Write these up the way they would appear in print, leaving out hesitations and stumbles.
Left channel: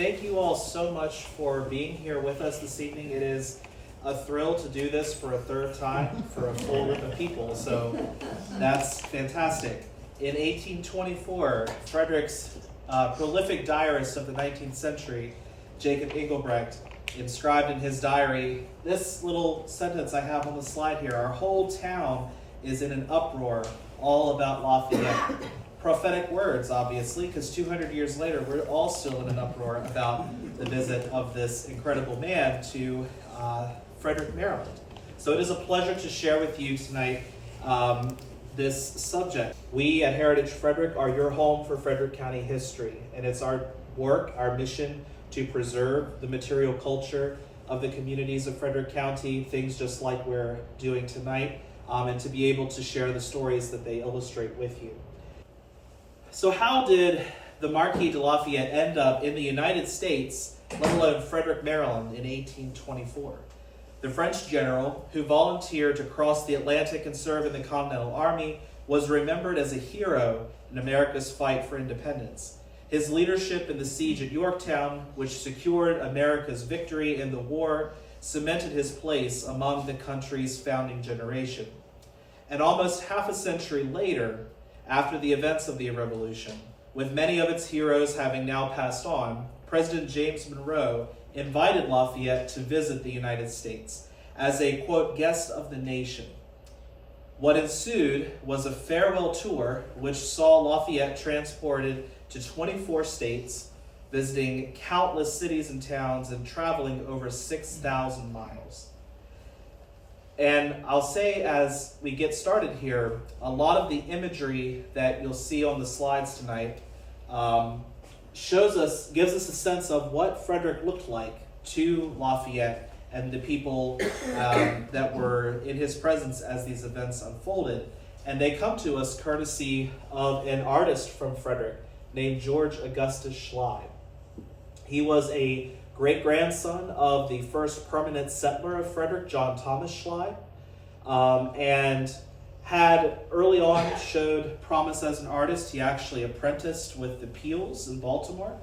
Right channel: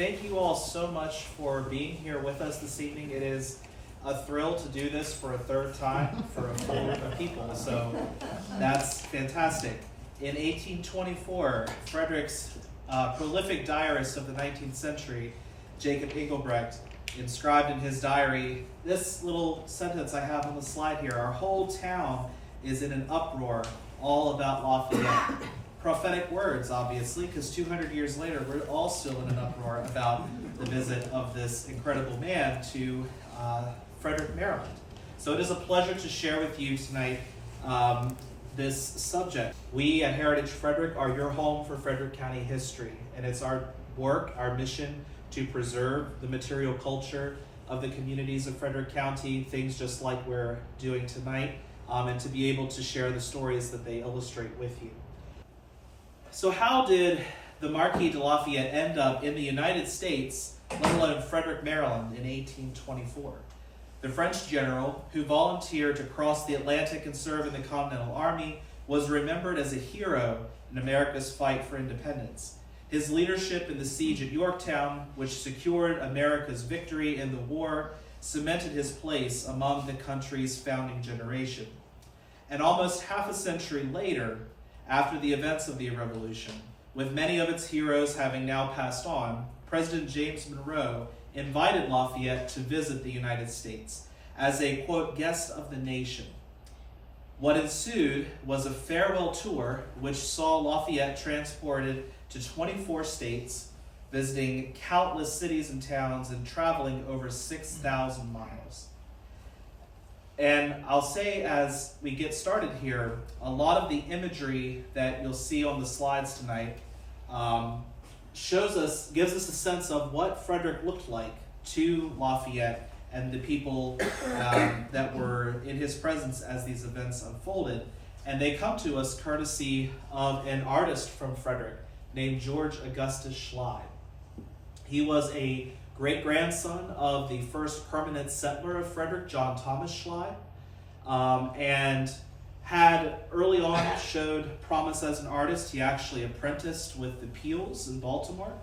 Thank you all so much for being here with us this evening. It is a thrill to do this for a third time for a full group of people, so that's fantastic. In 1824, Frederick's prolific diarist of the 19th century, Jacob Engelbrecht, inscribed in his diary this little sentence I have on the slide here: "Our whole town is in an uproar, all about Lafayette." Prophetic words, obviously, because 200 years later, we're all still in an uproar about the visit of this incredible man to Frederick, Maryland. So it is a pleasure to share with you tonight this subject. We at Heritage Frederick are your home for Frederick County history, and it's our work, our mission, to preserve the material culture of the communities of Frederick County, things just like we're doing tonight, and to be able to share the stories that they illustrate with you. So how did the Marquis de Lafayette end up in the United States, let alone Frederick, Maryland, in 1824? The French general, who volunteered to cross the Atlantic and serve in the Continental Army, was remembered as a hero in America's fight for independence. His leadership in the siege at Yorktown, which secured America's victory in the war, cemented his place among the country's founding generation. And almost half a century later, after the events of the Revolution, with many of its heroes having now passed on, President James Monroe invited Lafayette to visit the United States as a, quote, guest of the nation. What ensued was a farewell tour which saw Lafayette transported to 24 states, visiting countless cities and towns and traveling over 6,000 miles. And I'll say as we get started here, a lot of the imagery that you'll see on the slides tonight gives us a sense of what Frederick looked like to Lafayette and the people that were in his presence as these events unfolded. And they come to us courtesy of an artist from Frederick named George Augustus Schley. He was a great-grandson of the first permanent settler of Frederick, John Thomas Schley, and had early on showed promise as an artist. He actually apprenticed with the Peels in Baltimore.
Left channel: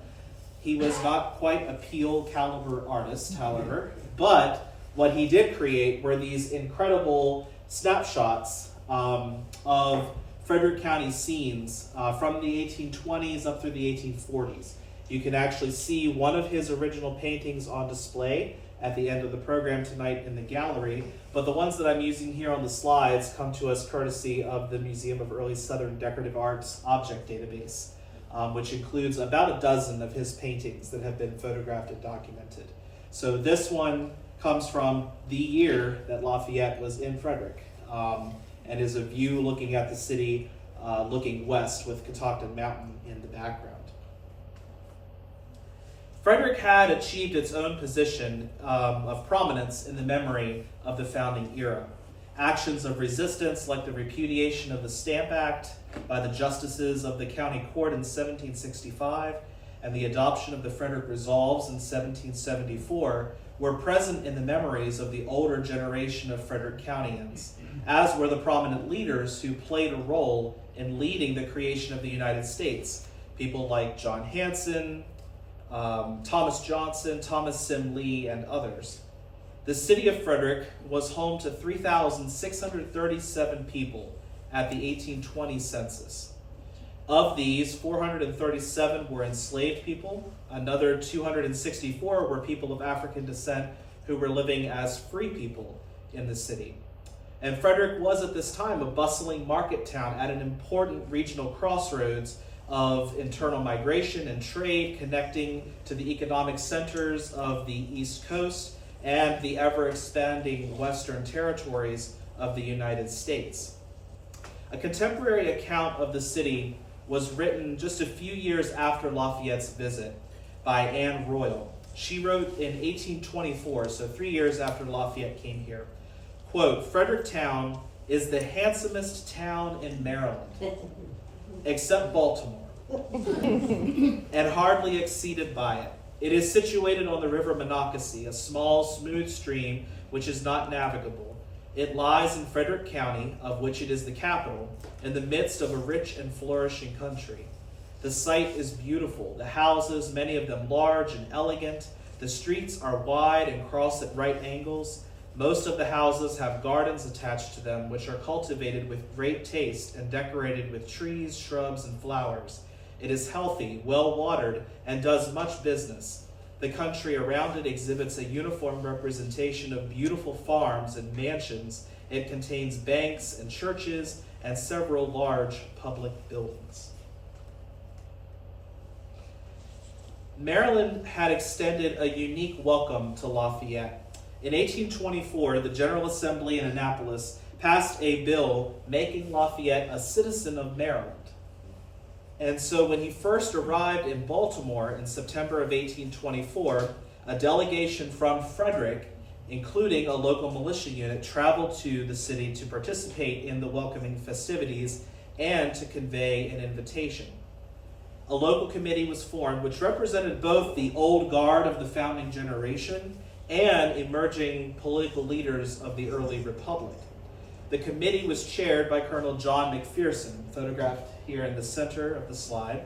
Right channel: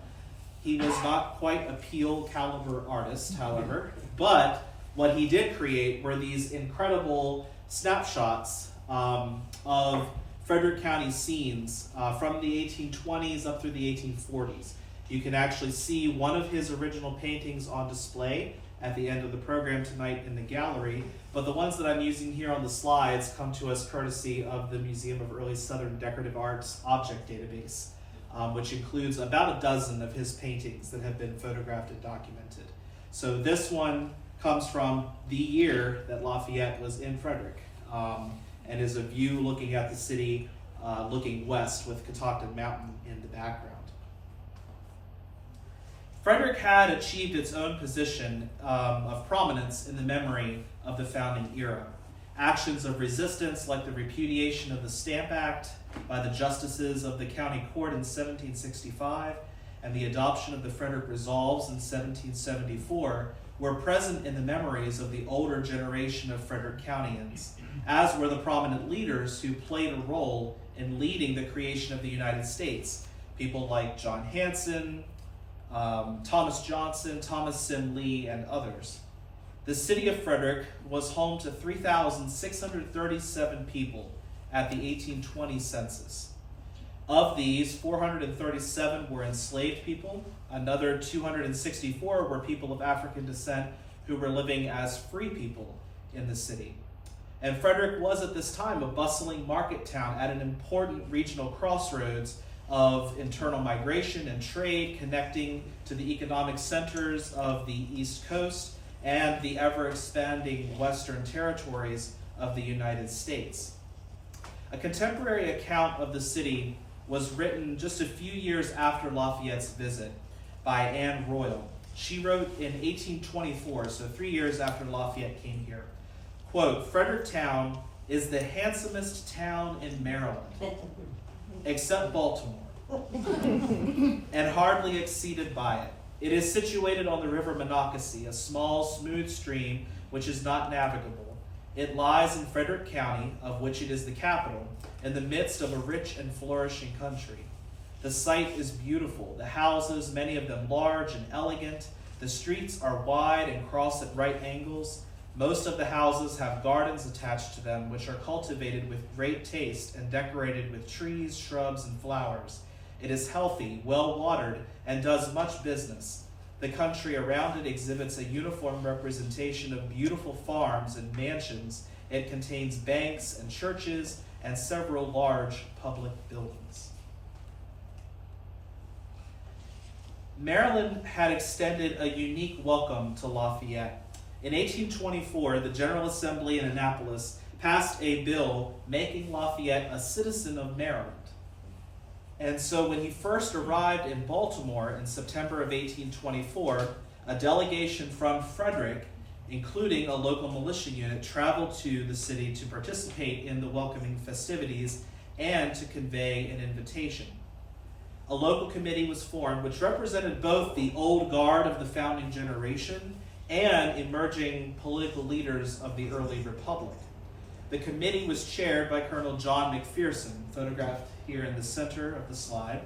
He was not quite a Peel caliber artist, however, but what he did create were these incredible snapshots of Frederick County scenes from the 1820s up through the 1840s. You can actually see one of his original paintings on display at the end of the program tonight in the gallery, but the ones that I'm using here on the slides come to us courtesy of the Museum of Early Southern Decorative Arts Object Database, which includes about a dozen of his paintings that have been photographed and documented. So this one comes from the year that Lafayette was in Frederick, and is a view looking at the city, looking west with Catoctin Mountain in the background. Frederick had achieved its own position of prominence in the memory of the founding era. Actions of resistance like the repudiation of the Stamp Act by the justices of the county court in 1765 and the adoption of the Frederick Resolves in 1774 were present in the memories of the older generation of Frederick Countyans, as were the prominent leaders who played a role in leading the creation of the United States. People like John Hanson, Thomas Johnson, Thomas Sim Lee, and others. The city of Frederick was home to 3,637 people at the 1820 census. Of these, 437 were enslaved people. Another 264 were people of African descent who were living as free people in the city. And Frederick was at this time a bustling market town at an important regional crossroads of internal migration and trade, connecting to the economic centers of the East Coast and the ever-expanding western territories of the United States. A contemporary account of the city was written just a few years after Lafayette's visit by Anne Royal. She wrote in 1824, so 3 years after Lafayette came here, quote, "Fredericktown is the handsomest town in Maryland, except Baltimore, and hardly exceeded by it. It is situated on the river Monocacy, a small, smooth stream which is not navigable. It lies in Frederick County, of which it is the capital, in the midst of a rich and flourishing country. The site is beautiful. The houses, many of them large and elegant. The streets are wide and cross at right angles. Most of the houses have gardens attached to them, which are cultivated with great taste and decorated with trees, shrubs, and flowers. It is healthy, well-watered, and does much business. The country around it exhibits a uniform representation of beautiful farms and mansions. It contains banks and churches and several large public buildings. Maryland had extended a unique welcome to Lafayette. In 1824, the General Assembly in Annapolis passed a bill making Lafayette a citizen of Maryland. And so when he first arrived in Baltimore in September of 1824, a delegation from Frederick, including a local militia unit, traveled to the city to participate in the welcoming festivities and to convey an invitation. A local committee was formed which represented both the old guard of the founding generation and emerging political leaders of the early republic. The committee was chaired by Colonel John McPherson, photographed here in the center of the slide.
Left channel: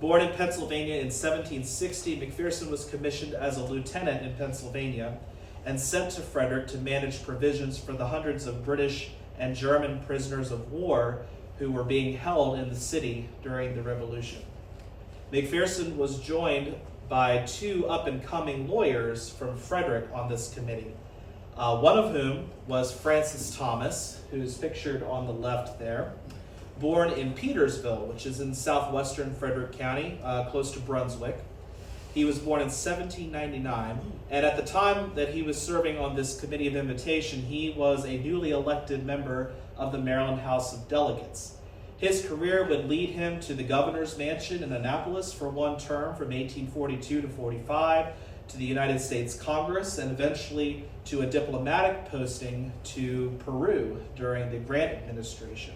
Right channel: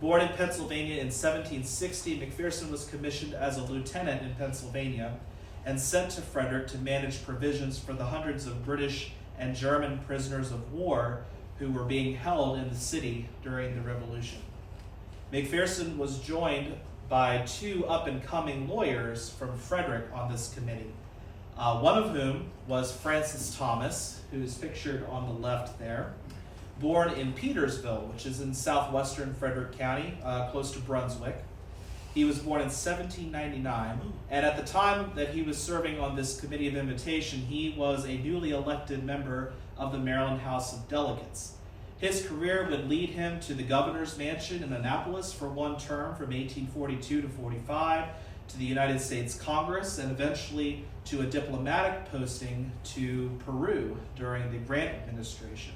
Born in Pennsylvania in 1760, McPherson was commissioned as a lieutenant in Pennsylvania and sent to Frederick to manage provisions for the hundreds of British and German prisoners of war who were being held in the city during the Revolution. McPherson was joined by two up-and-coming lawyers from Frederick on this committee, one of whom was Francis Thomas, who's pictured on the left there, born in Petersville, which is in southwestern Frederick County, close to Brunswick. He was born in 1799, and at the time that he was serving on this committee of invitation, he was a newly elected member of the Maryland House of Delegates. His career would lead him to the governor's mansion in Annapolis for one term from 1842 to 45, to the United States Congress, and eventually to a diplomatic posting to Peru during the Grant administration.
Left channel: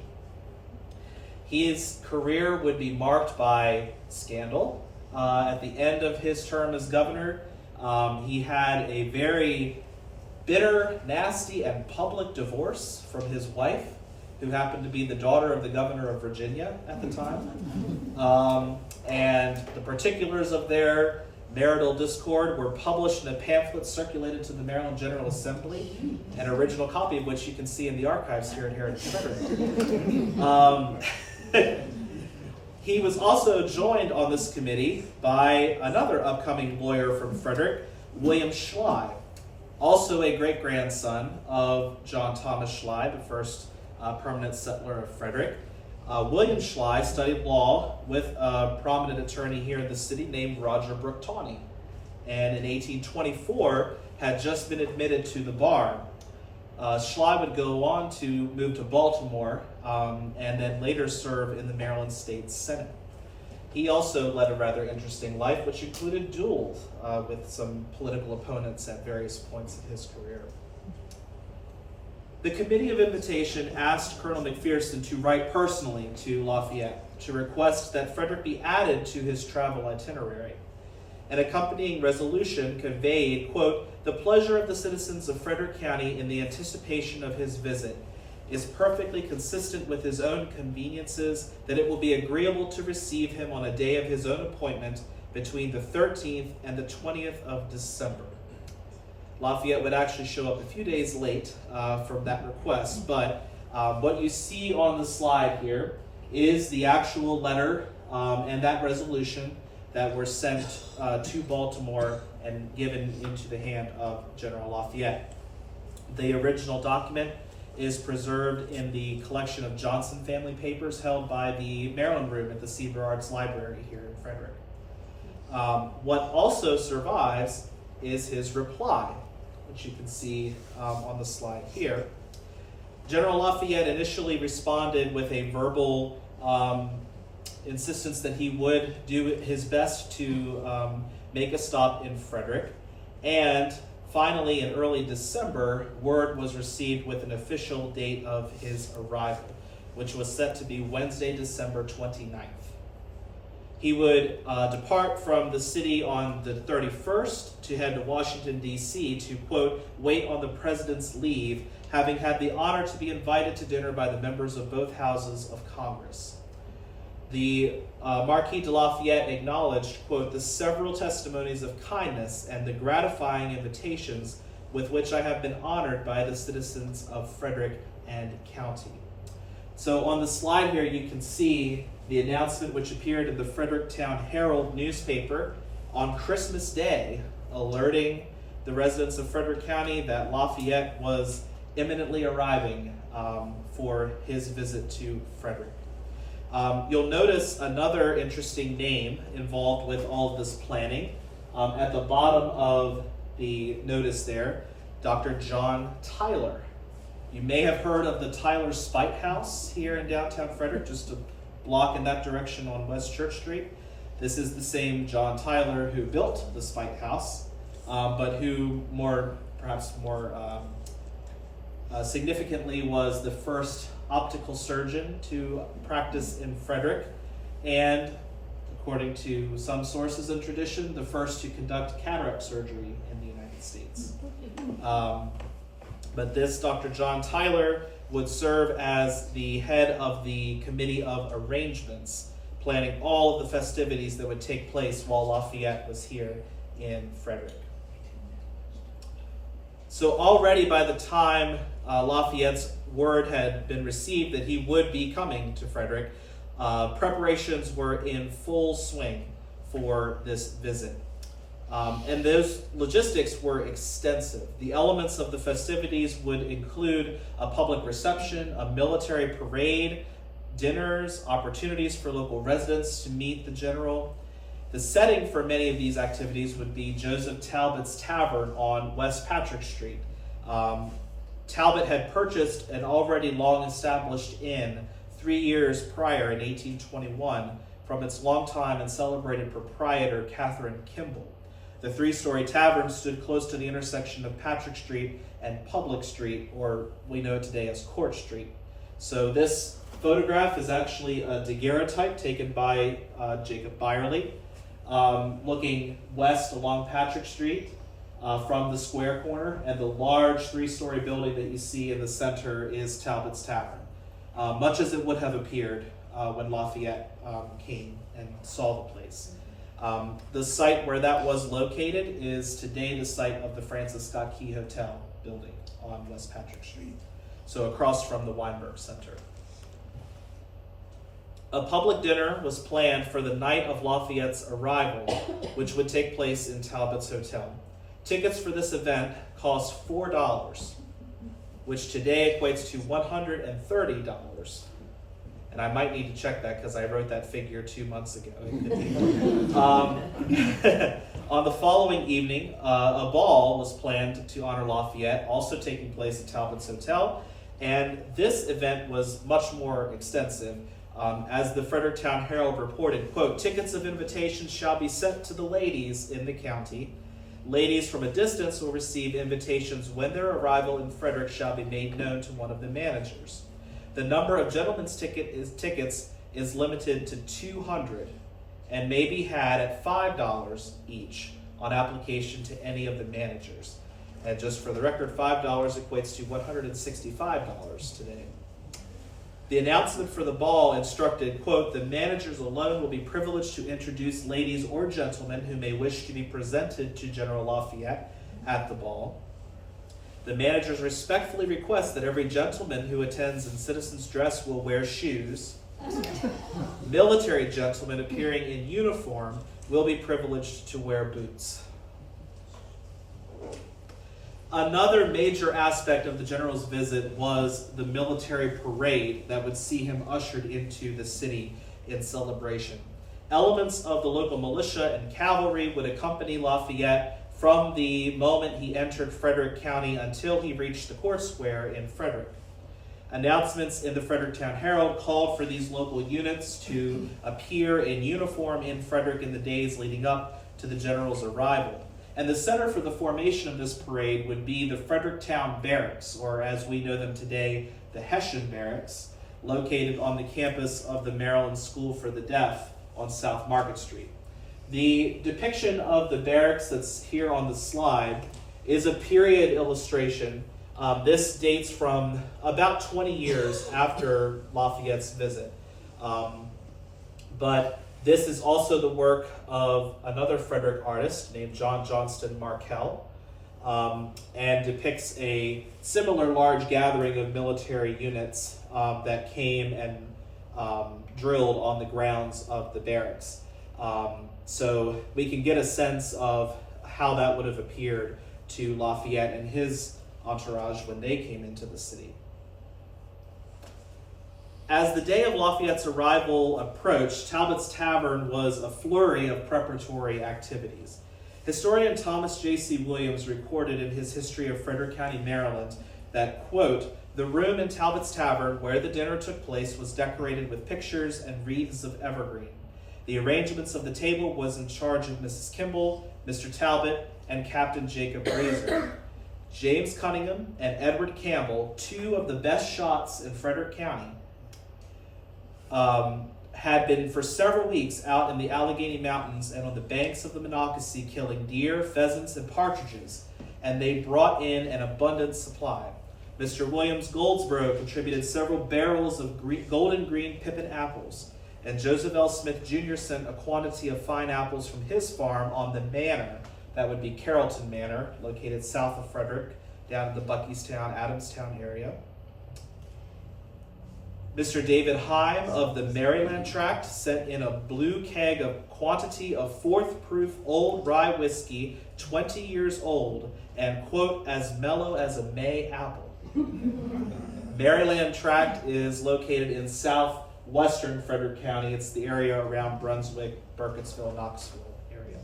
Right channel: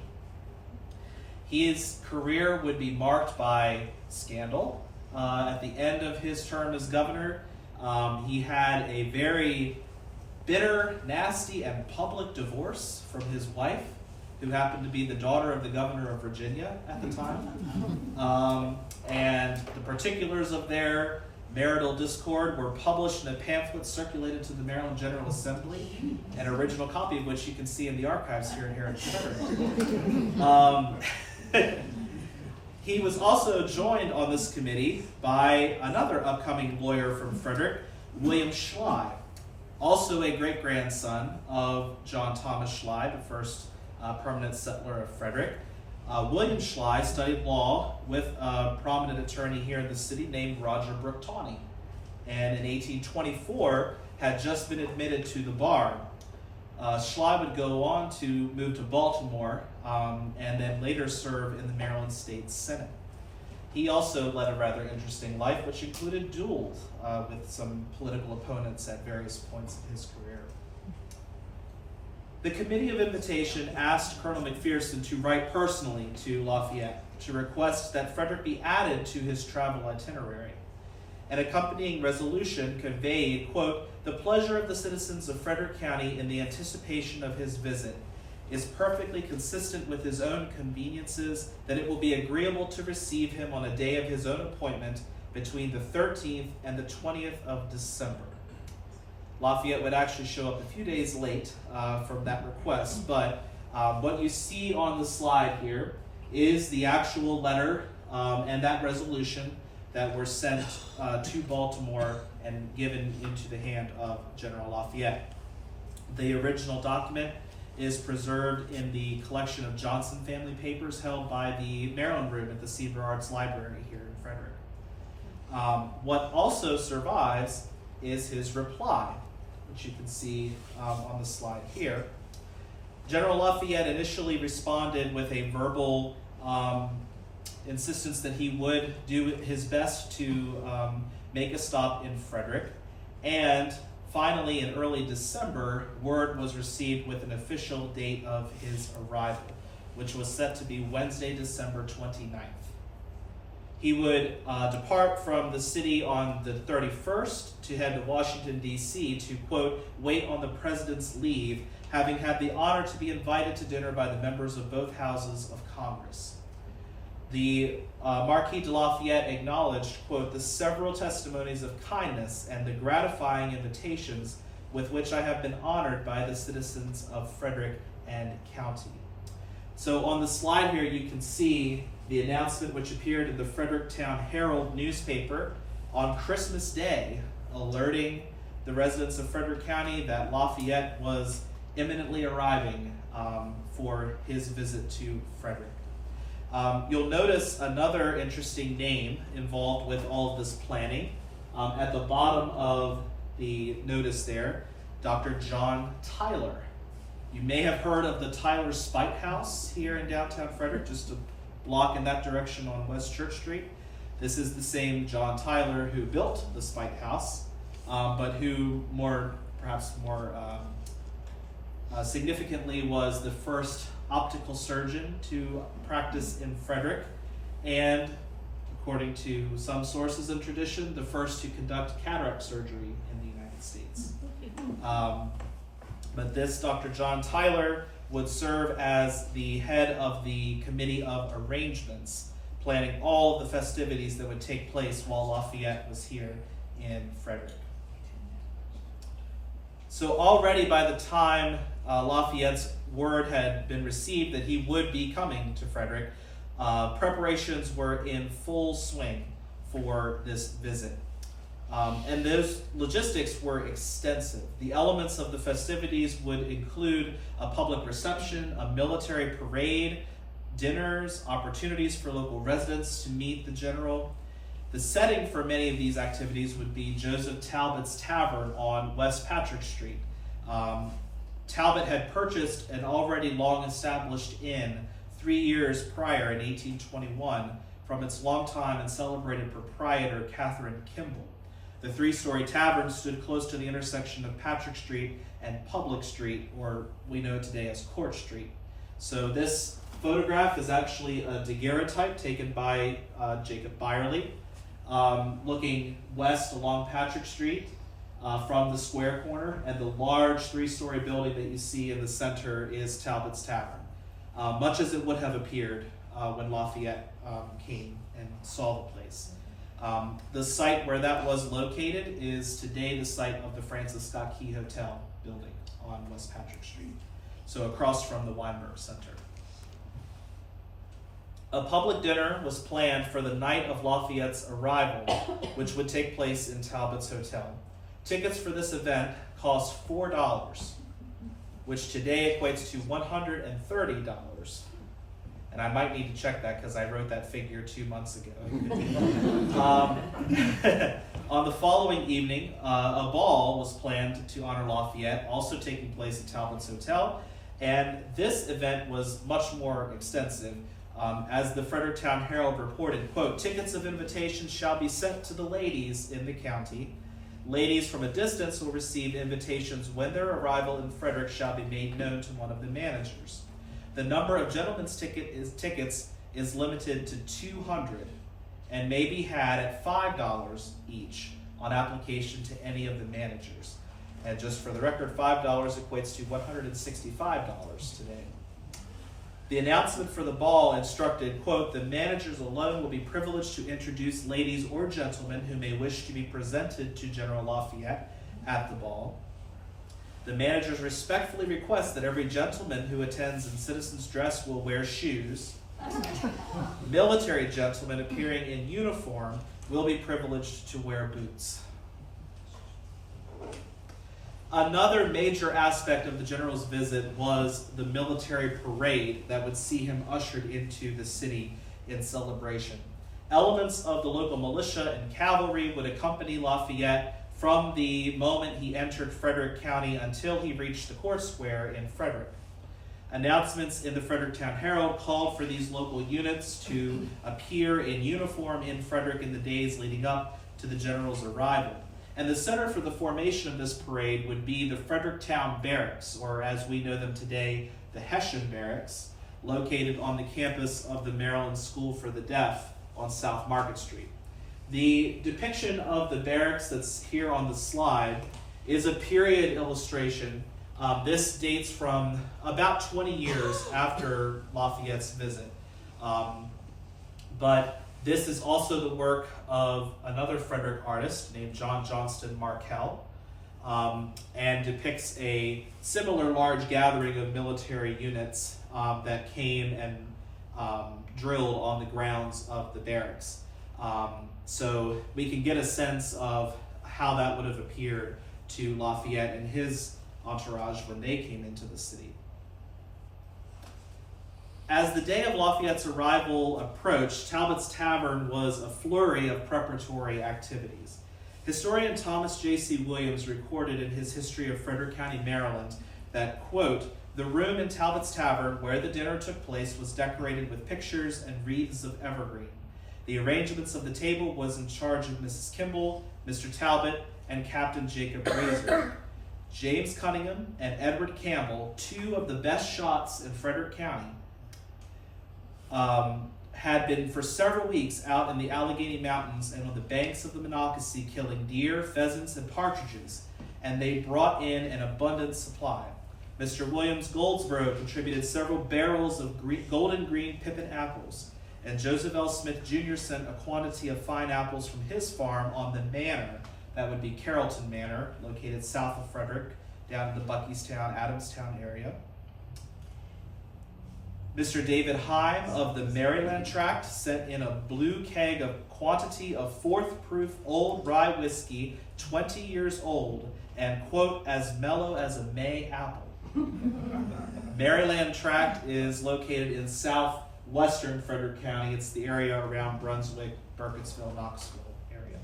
His career would be marked by scandal. At the end of his term as governor, he had a very bitter, nasty, and public divorce from his wife, who happened to be the daughter of the governor of Virginia at the time. And the particulars of their marital discord were published in a pamphlet circulated to the Maryland General Assembly, an original copy of which you can see in the archives here at Heritage Frederick. He was also joined on this committee by another upcoming lawyer from Frederick, William Schley, also a great-grandson of John Thomas Schley, the first permanent settler of Frederick. William Schley studied law with a prominent attorney here in the city named Roger Brooke Tawney, and in 1824 had just been admitted to the bar. Schley would go on to move to Baltimore and then later serve in the Maryland State Senate. He also led a rather interesting life, which included duels with some political opponents at various points of his career. The Committee of Invitation asked Colonel McPherson to write personally to Lafayette to request that Frederick be added to his travel itinerary. An accompanying resolution conveyed, quote, "The pleasure of the citizens of Frederick County in the anticipation of his visit is perfectly consistent with his own conveniences, that it will be agreeable to receive him on a day of his own appointment between the 13th and the 20th of December. Lafayette would actually show up a few days late from that request, but what you see on the slide here is the actual letter and that resolution that were sent to Baltimore and given into the hand of General Lafayette. The original document is preserved in the collection of Johnson family papers held by the Maryland Room at the Seaver Arts Library here in Frederick. What also survives is his reply, which you can see on the slide here. General Lafayette initially responded with a verbal insistence that he would do his best to make a stop in Frederick, and finally in early December, word was received with an official date of his arrival, which was set to be Wednesday, December 29th. He would depart from the city on the 31st to head to Washington, D.C. to, quote, wait on the president's leave, having had the honor to be invited to dinner by the members of both houses of Congress. the Marquis de Lafayette acknowledged, quote, the several testimonies of kindness and the gratifying invitations with which I have been honored by the citizens of Frederick and County. So on the slide here, you can see the announcement which appeared in the Fredericktown Herald newspaper on Christmas Day, alerting the residents of Frederick County that Lafayette was imminently arriving for his visit to Frederick. You'll notice another interesting name involved with all of this planning. At the bottom of the notice there, Dr. John Tyler. You may have heard of the Tyler Spite House here in downtown Frederick, just a block in that direction on West Church Street. This is the same John Tyler who built the Spite House, but who perhaps more significantly was the first optical surgeon to practice in Frederick, and according to some sources and tradition, the first to conduct cataract surgery in the United States. But this Dr. John Tyler would serve as the head of the Committee of Arrangements, planning all of the festivities that would take place while Lafayette was here in Frederick. So already by the time Lafayette's word had been received that he would be coming to Frederick, preparations were in full swing for this visit. And those logistics were extensive. The elements of the festivities would include a public reception, a military parade, dinners, opportunities for local residents to meet the general. The setting for many of these activities would be Joseph Talbot's Tavern on West Patrick Street. Talbot had purchased an already long-established inn 3 years prior in 1821 from its longtime and celebrated proprietor, Catherine Kimball. The 3-story tavern stood close to the intersection of Patrick Street and Public Street, or we know today as Court Street. So this photograph is actually a daguerreotype taken by Jacob Byerly, looking west along Patrick Street from the square corner, and the large 3-story building that you see in the center is Talbot's Tavern, much as it would have appeared when Lafayette came and saw the place. The site where that was located is today the site of the Francis Scott Key Hotel building on West Patrick Street, so across from the Weinberg Center. A public dinner was planned for the night of Lafayette's arrival, which would take place in Talbot's Hotel. Tickets for this event cost $4, which today equates to $130. And I might need to check that because I wrote that figure 2 months ago. On the following evening, a ball was planned to honor Lafayette, also taking place at Talbot's Hotel. And this event was much more extensive. As the Fredericktown Herald reported, quote, tickets of invitation shall be sent to the ladies in the county. Ladies from a distance will receive invitations when their arrival in Frederick shall be made known to one of the managers. The number of gentlemen's tickets is limited to 200 and may be had at $5 each on application to any of the managers. And just for the record, $5 equates to $165 today. The announcement for the ball instructed, quote, the managers alone will be privileged to introduce ladies or gentlemen who may wish to be presented to General Lafayette at the ball. The managers respectfully request that every gentleman who attends in citizen's dress will wear shoes. Military gentlemen appearing in uniform will be privileged to wear boots. Another major aspect of the general's visit was the military parade that would see him ushered into the city in celebration. Elements of the local militia and cavalry would accompany Lafayette from the moment he entered Frederick County until he reached the Court Square in Frederick. Announcements in the Fredericktown Herald called for these local units to appear in uniform in Frederick in the days leading up to the general's arrival. And the center for the formation of this parade would be the Fredericktown Barracks, or as we know them today, the Hessian Barracks, located on the campus of the Maryland School for the Deaf on South Market Street. The depiction of the barracks that's here on the slide is a period illustration. This dates from about 20 years after Lafayette's visit. But this is also the work of another Frederick artist named John Johnston Markell, and depicts a similar large gathering of military units that came and drilled on the grounds of the barracks. So we can get a sense of how that would have appeared to Lafayette and his entourage when they came into the city. As the day of Lafayette's arrival approached, Talbot's Tavern was a flurry of preparatory activities. Historian Thomas J.C. Williams recorded in his History of Frederick County, Maryland, that, quote, "The room in Talbot's Tavern where the dinner took place was decorated with pictures and wreaths of evergreen. The arrangements of the table was in charge of Mrs. Kimball, Mr. Talbot, and Captain Jacob Razor. James Cunningham and Edward Campbell, two of the best shots in Frederick County, had been for several weeks out in the Allegheny Mountains and on the banks of the Monocacy killing deer, pheasants, and partridges, and they brought in an abundant supply. Mr. Williams Goldsboro contributed several barrels of golden green pippin apples, and Joseph L. Smith Jr. sent a quantity of fine apples from his farm on the manor, that would be Carrollton Manor, located south of Frederick, down in the Buckystown, Adamstown area. Mr. David Heim of the Maryland tract sent in a blue keg of quantity of fourth proof old rye whiskey, 20 years old, and, quote, as mellow as a May apple. Maryland tract is located in southwestern Frederick County. It's the area around Brunswick, Burkittsville, Knoxville area.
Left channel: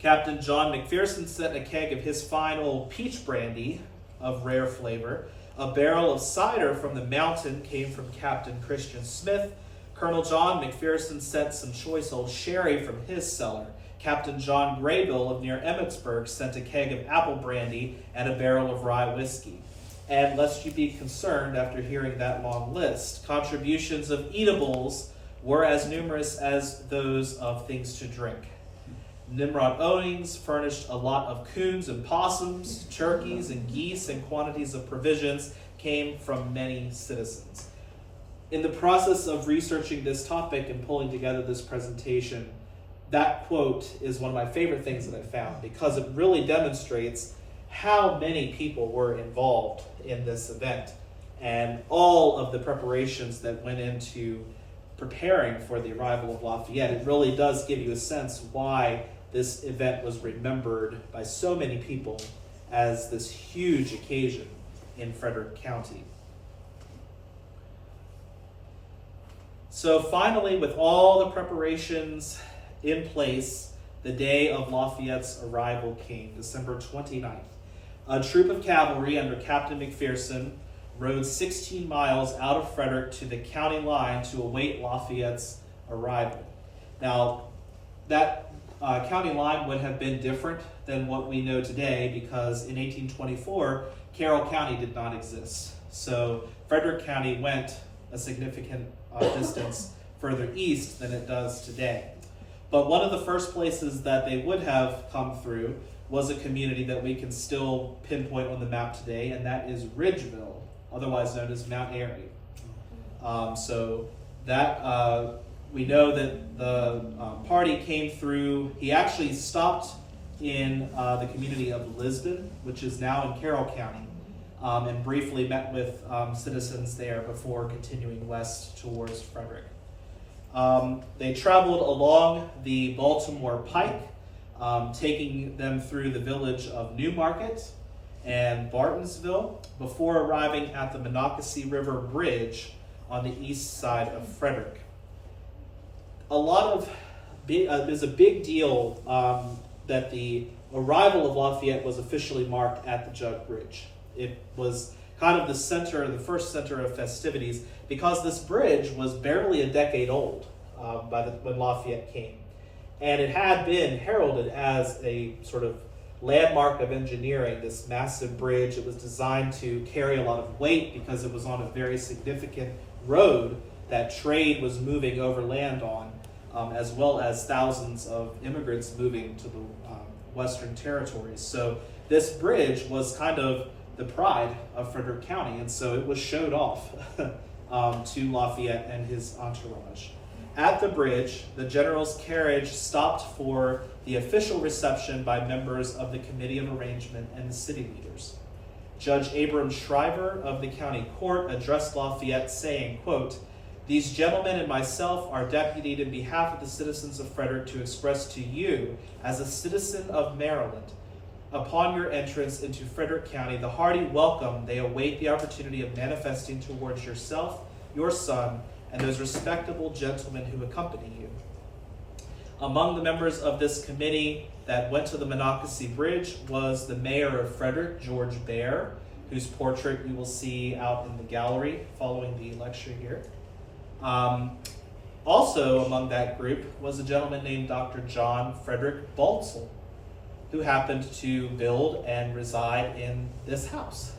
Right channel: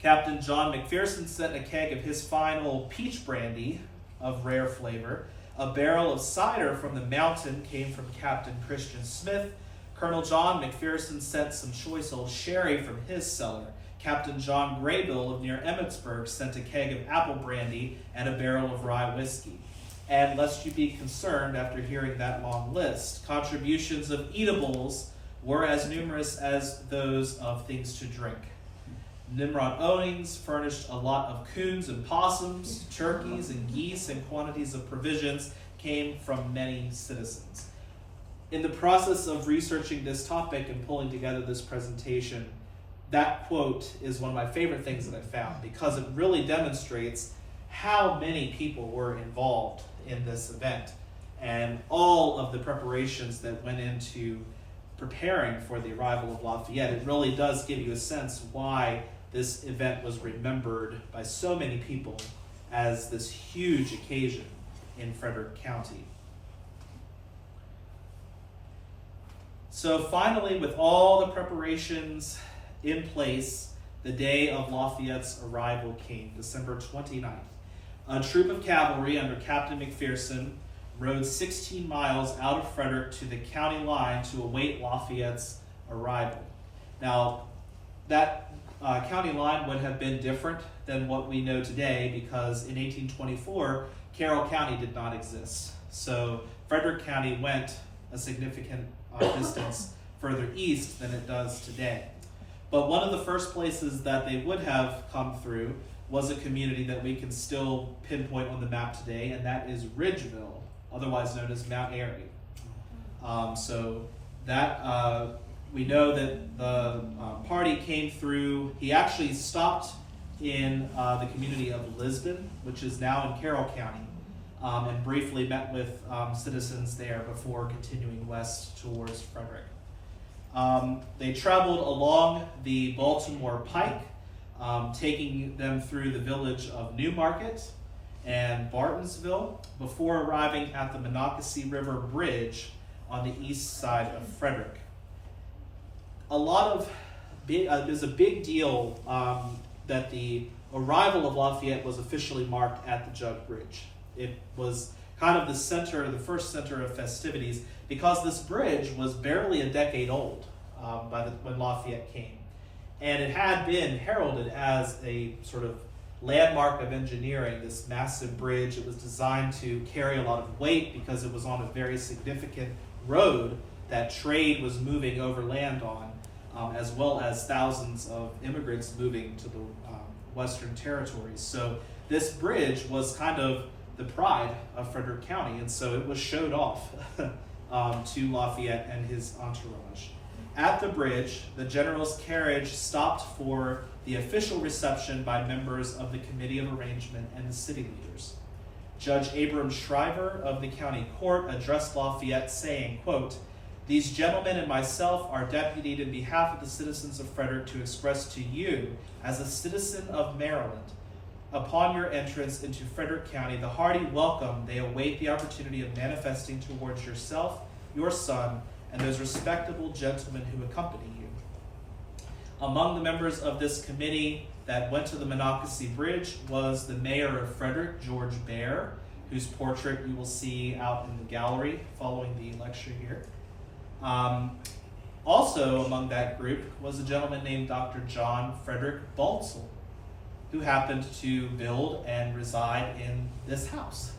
Captain John McPherson sent a keg of his fine old peach brandy of rare flavor. A barrel of cider from the mountain came from Captain Christian Smith. Colonel John McPherson sent some choice old sherry from his cellar. Captain John Graybill of near Emmitsburg sent a keg of apple brandy and a barrel of rye whiskey. And lest you be concerned after hearing that long list, contributions of eatables were as numerous as those of things to drink. Nimrod Owings furnished a lot of coons and possums, turkeys and geese, and quantities of provisions came from many citizens. In the process of researching this topic and pulling together this presentation, that quote is one of my favorite things that I found, because it really demonstrates how many people were involved in this event and all of the preparations that went into preparing for the arrival of Lafayette. It really does give you a sense why this event was remembered by so many people as this huge occasion in Frederick County. So finally, with all the preparations in place, the day of Lafayette's arrival came, December 29th. A troop of cavalry under Captain McPherson rode 16 miles out of Frederick to the county line to await Lafayette's arrival. Now, that county line would have been different than what we know today, because in 1824, Carroll County did not exist. So Frederick County went a significant distance further east than it does today. But one of the first places that they would have come through was a community that we can still pinpoint on the map today, and that is Ridgeville, otherwise known as Mount Airy. So that we know that the party came through. He actually stopped in the community of Lisbon, which is now in Carroll County, and briefly met with citizens there before continuing west towards Frederick. They traveled along the Baltimore Pike, taking them through the village of Newmarket and Bartonsville before arriving at the Monocacy River Bridge on the east side of Frederick. There's a big deal that the arrival of Lafayette was officially marked at the Jug Bridge. It was kind of the first center of festivities, because this bridge was barely a decade old when Lafayette came. And it had been heralded as a sort of landmark of engineering, this massive bridge. It was designed to carry a lot of weight because it was on a very significant road that trade was moving overland on, as well as thousands of immigrants moving to the Western territories. So this bridge was kind of the pride of Frederick County, and so it was showed off to Lafayette and his entourage. At the bridge, the general's carriage stopped for the official reception by members of the Committee of Arrangement and the city leaders. Judge Abram Shriver of the county court addressed Lafayette saying, quote, "These gentlemen and myself are deputied in behalf of the citizens of Frederick to express to you, as a citizen of Maryland, upon your entrance into Frederick County, the hearty welcome they await the opportunity of manifesting towards yourself, your son, and those respectable gentlemen who accompany you." Among the members of this committee that went to the Monocacy Bridge was the mayor of Frederick, George Baer, whose portrait you will see out in the gallery following the lecture here. Also among that group was a gentleman named Dr. John Frederick Baltzell, who happened to build and reside in this house.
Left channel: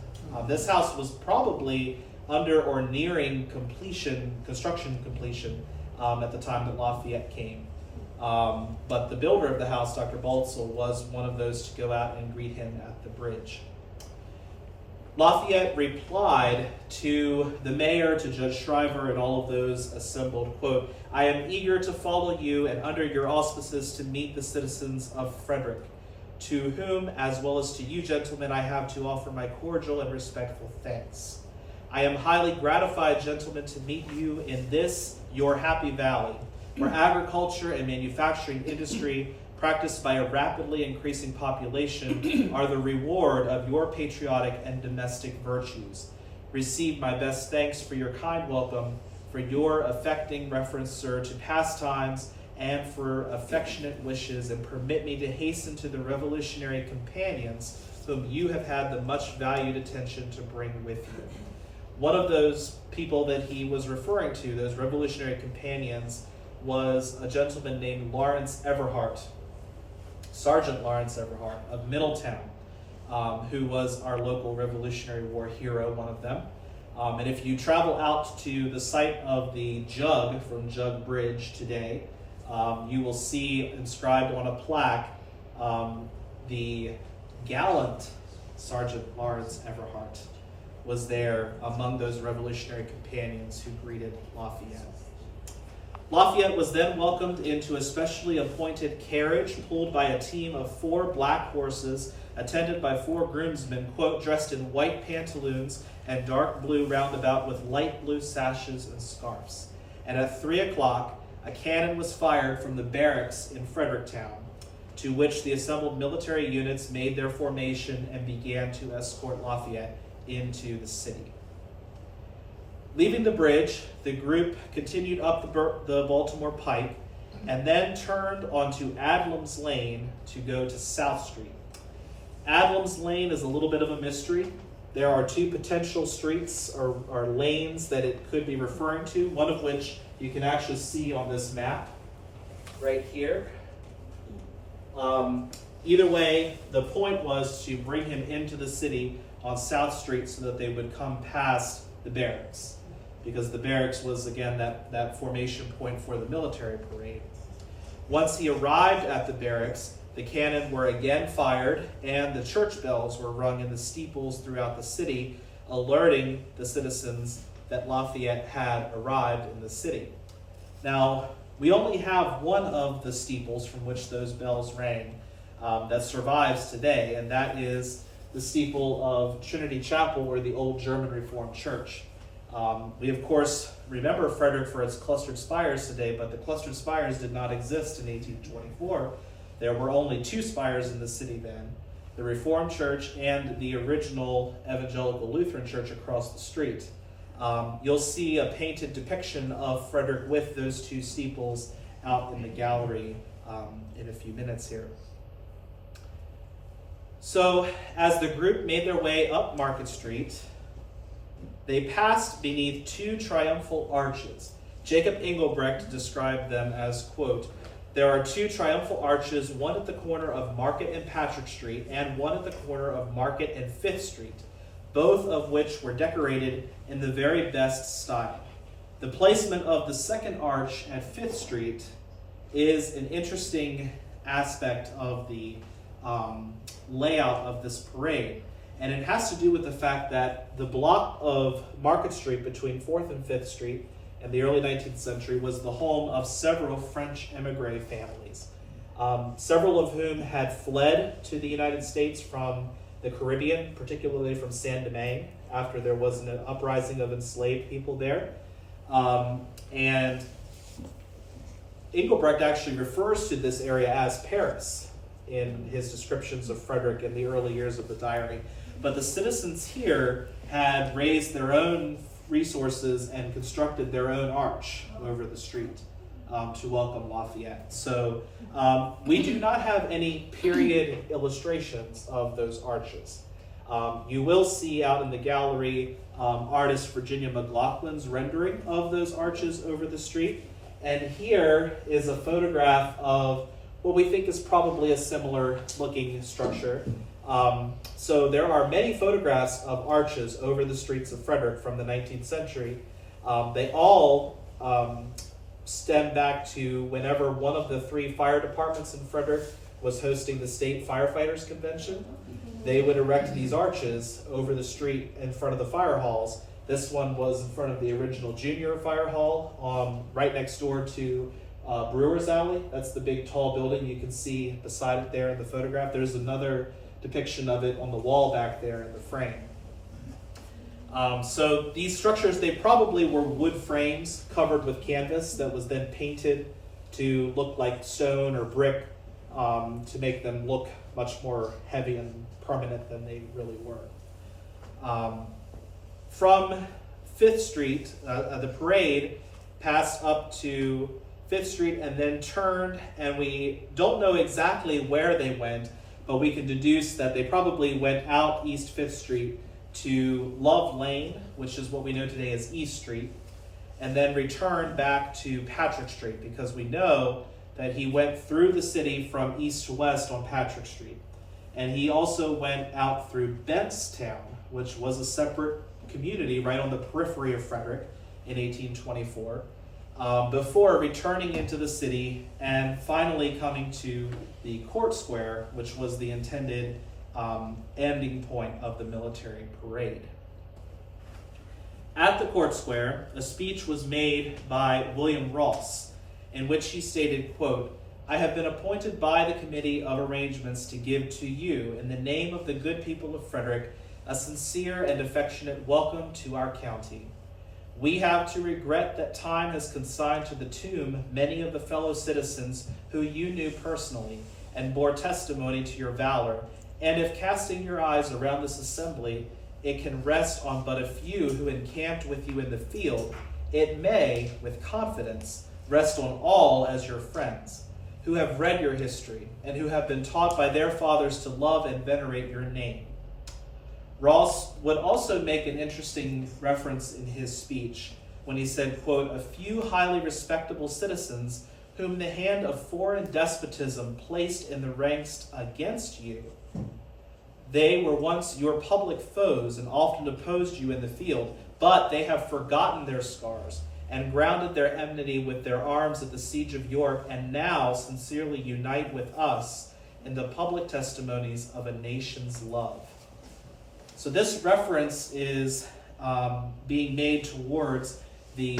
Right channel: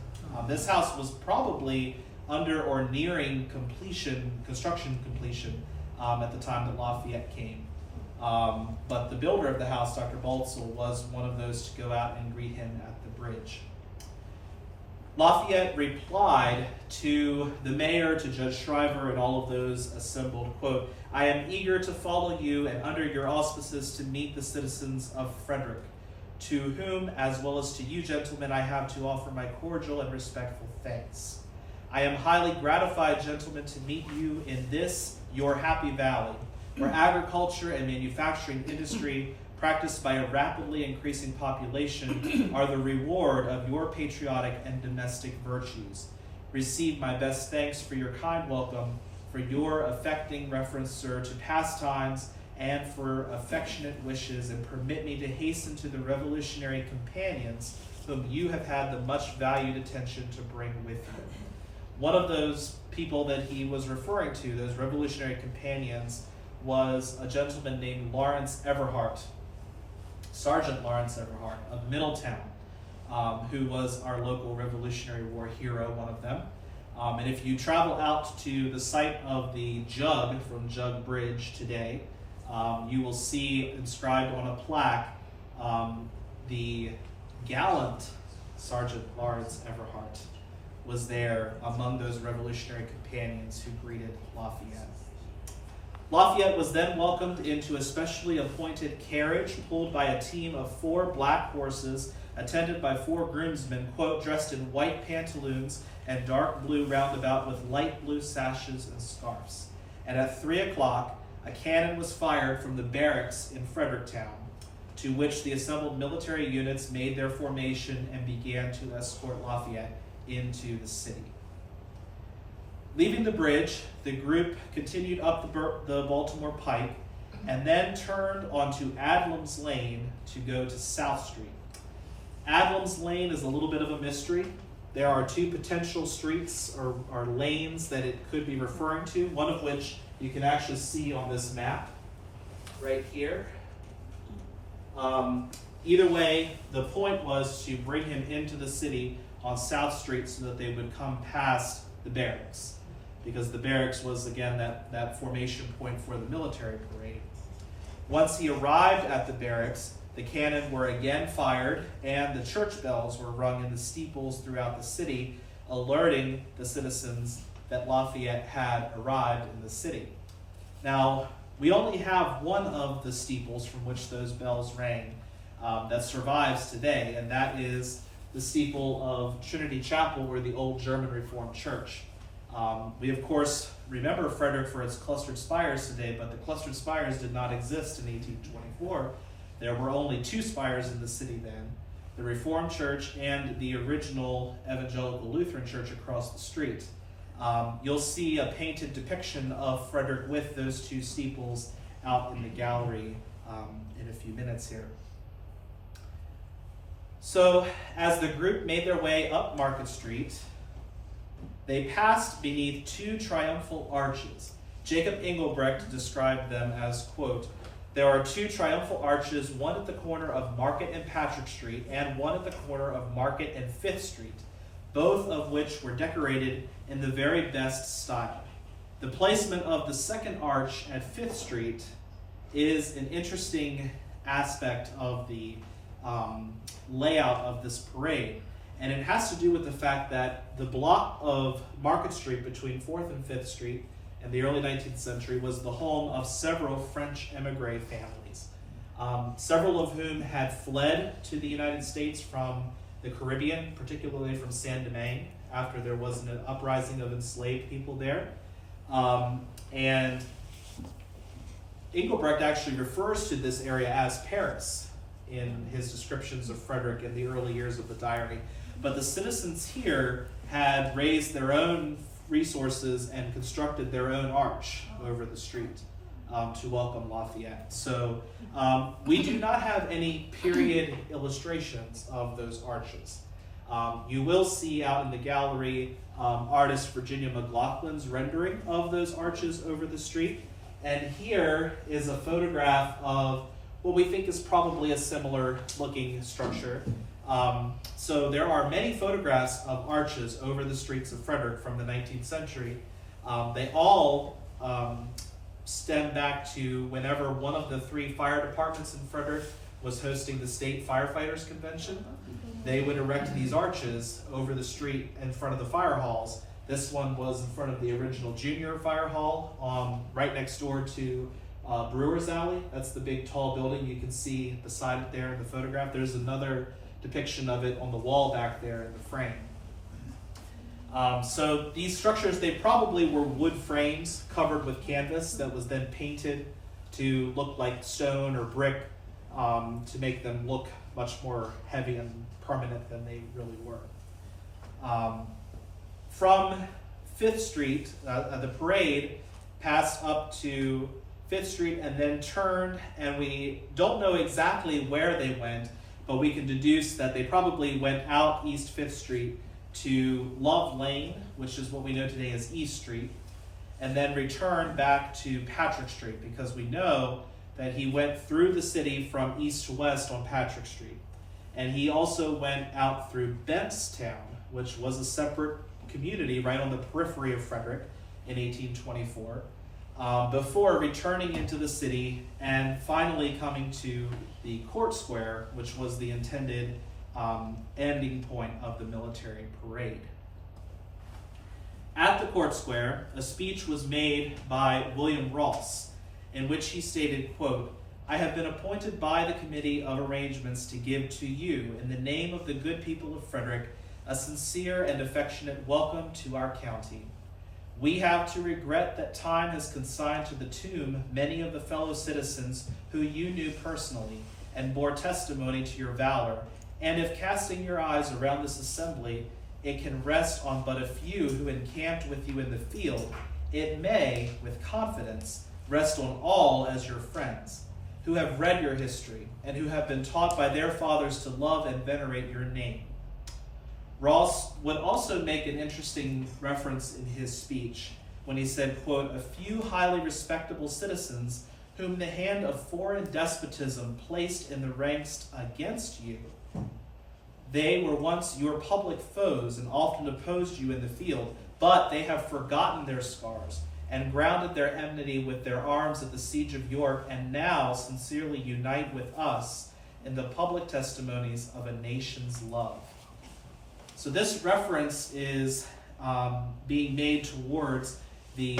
This house was probably under or nearing construction completion at the time that Lafayette came. But the builder of the house, Dr. Baltzell, was one of those to go out and greet him at the bridge. Lafayette replied to the mayor, to Judge Shriver, and all of those assembled, quote, "I am eager to follow you and under your auspices to meet the citizens of Frederick, to whom, as well as to you gentlemen, I have to offer my cordial and respectful thanks. I am highly gratified, gentlemen, to meet you in this, your happy valley, where agriculture and manufacturing industry, practiced by a rapidly increasing population, are the reward of your patriotic and domestic virtues. Receive my best thanks for your kind welcome, for your affecting reference, sir, to past times, and for affectionate wishes, and permit me to hasten to the revolutionary companions whom you have had the much valued attention to bring with you." One of those people that he was referring to, those revolutionary companions, was a gentleman named Lawrence Everhart, Sergeant Lawrence Everhart of Middletown, who was our local Revolutionary War hero, one of them. And if you travel out to the site of the Jug from Jug Bridge today, you will see inscribed on a plaque the gallant Sergeant Lawrence Everhart was there among those revolutionary companions who greeted Lafayette. Lafayette was then welcomed into a specially appointed carriage pulled by a team of 4 black horses, attended by 4 groomsmen, quote, "dressed in white pantaloons and dark blue roundabout with light blue sashes and scarfs." And at 3 o'clock, a cannon was fired from the barracks in Fredericktown, to which the assembled military units made their formation and began to escort Lafayette into the city. Leaving the bridge, the group continued up the Baltimore Pike and then turned onto Adlam's Lane to go to South Street. Adlam's Lane is a little bit of a mystery. There are 2 potential streets or lanes that it could be referring to, one of which you can actually see on this map right here. Either way, the point was to bring him into the city on South Street so that they would come past the barracks, because the barracks was, again, that formation point for the military parade. Once he arrived at the barracks, the cannon were again fired and the church bells were rung in the steeples throughout the city, alerting the citizens that Lafayette had arrived in the city. Now, we only have one of the steeples from which those bells rang that survives today, and that is the steeple of Trinity Chapel, or the old German Reformed Church. We, of course, remember Frederick for its clustered spires today, but the clustered spires did not exist in 1824. There were only 2 spires in the city then, the Reformed Church and the original Evangelical Lutheran Church across the street. You'll see a painted depiction of Frederick with those 2 steeples out in the gallery in a few minutes here. So, as the group made their way up Market Street, they passed beneath 2 triumphal arches. Jacob Engelbrecht described them as, quote, "There are 2 triumphal arches, one at the corner of Market and Patrick Street, and one at the corner of Market and 5th Street, both of which were decorated in the very best style. The placement of the second arch at 5th Street is an interesting aspect of the layout of this parade. And it has to do with the fact that the block of Market Street between 4th and 5th Street in the early 19th century was the home of several French emigre families, several of whom had fled to the United States from the Caribbean, particularly from Saint Domingue, after there was an uprising of enslaved people there. And Engelbrecht actually refers to this area as Paris in his descriptions of Frederick in the early years of the diary. But the citizens here had raised their own resources and constructed their own arch over the street to welcome Lafayette. So we do not have any period illustrations of those arches. You will see out in the gallery artist Virginia McLaughlin's rendering of those arches over the street. And here is a photograph of what we think is probably a similar looking structure. So there are many photographs of arches over the streets of Frederick from the 19th century. They all stem back to whenever one of the 3 fire departments in Frederick was hosting the state firefighters convention. They would erect these arches over the street in front of the fire halls. This one was in front of the original junior fire hall, right next door to Brewer's Alley. That's the big tall building you can see beside it there in the photograph. There's another depiction of it on the wall back there in the frame. So these structures, they probably were wood frames covered with canvas that was then painted to look like stone or brick to make them look much more heavy and permanent than they really were. From 5th Street, the parade passed up to 5th Street and then turned, and we don't know exactly where they went, but we can deduce that they probably went out East 5th Street to Love Lane, which is what we know today as East Street, and then returned back to Patrick Street, because we know that he went through the city from east to west on Patrick Street. And he also went out through Bentstown, which was a separate community right on the periphery of Frederick in 1824, before returning into the city and finally coming to the Court Square, which was the intended ending point of the military parade. At the Court Square, a speech was made by William Ross, in which he stated, quote, "I have been appointed by the Committee of Arrangements to give to you, in the name of the good people of Frederick, a sincere and affectionate welcome to our county. We have to regret that time has consigned to the tomb many of the fellow citizens who you knew personally and bore testimony to your valor, and if casting your eyes around this assembly, it can rest on but a few who encamped with you in the field, it may, with confidence, rest on all as your friends, who have read your history and who have been taught by their fathers to love and venerate your name." Ross would also make an interesting reference in his speech when he said, quote, "A few highly respectable citizens whom the hand of foreign despotism placed in the ranks against you. They were once your public foes and often opposed you in the field, but they have forgotten their scars and grounded their enmity with their arms at the siege of York, and now sincerely unite with us in the public testimonies of a nation's love." So this reference is being made towards the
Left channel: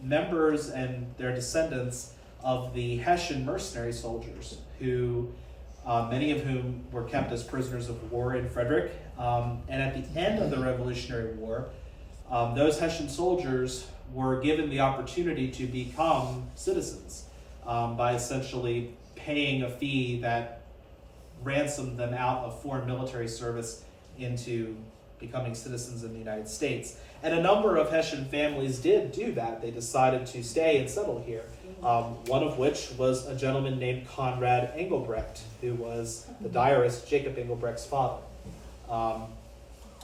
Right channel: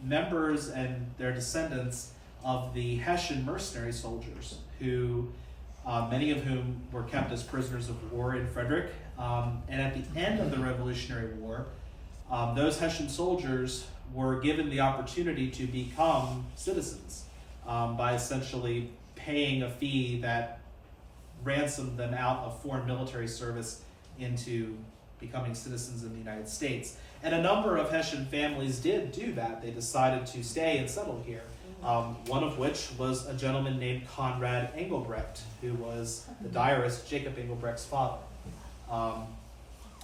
members and their descendants of the Hessian mercenary soldiers, who many of whom were kept as prisoners of war in Frederick. And at the end of the Revolutionary War, those Hessian soldiers were given the opportunity to become citizens by essentially paying a fee that ransomed them out of foreign military service into becoming citizens in the United States. And a number of Hessian families did do that. They decided to stay and settle here. One of which was a gentleman named Conrad Engelbrecht, who was the diarist Jacob Engelbrecht's father.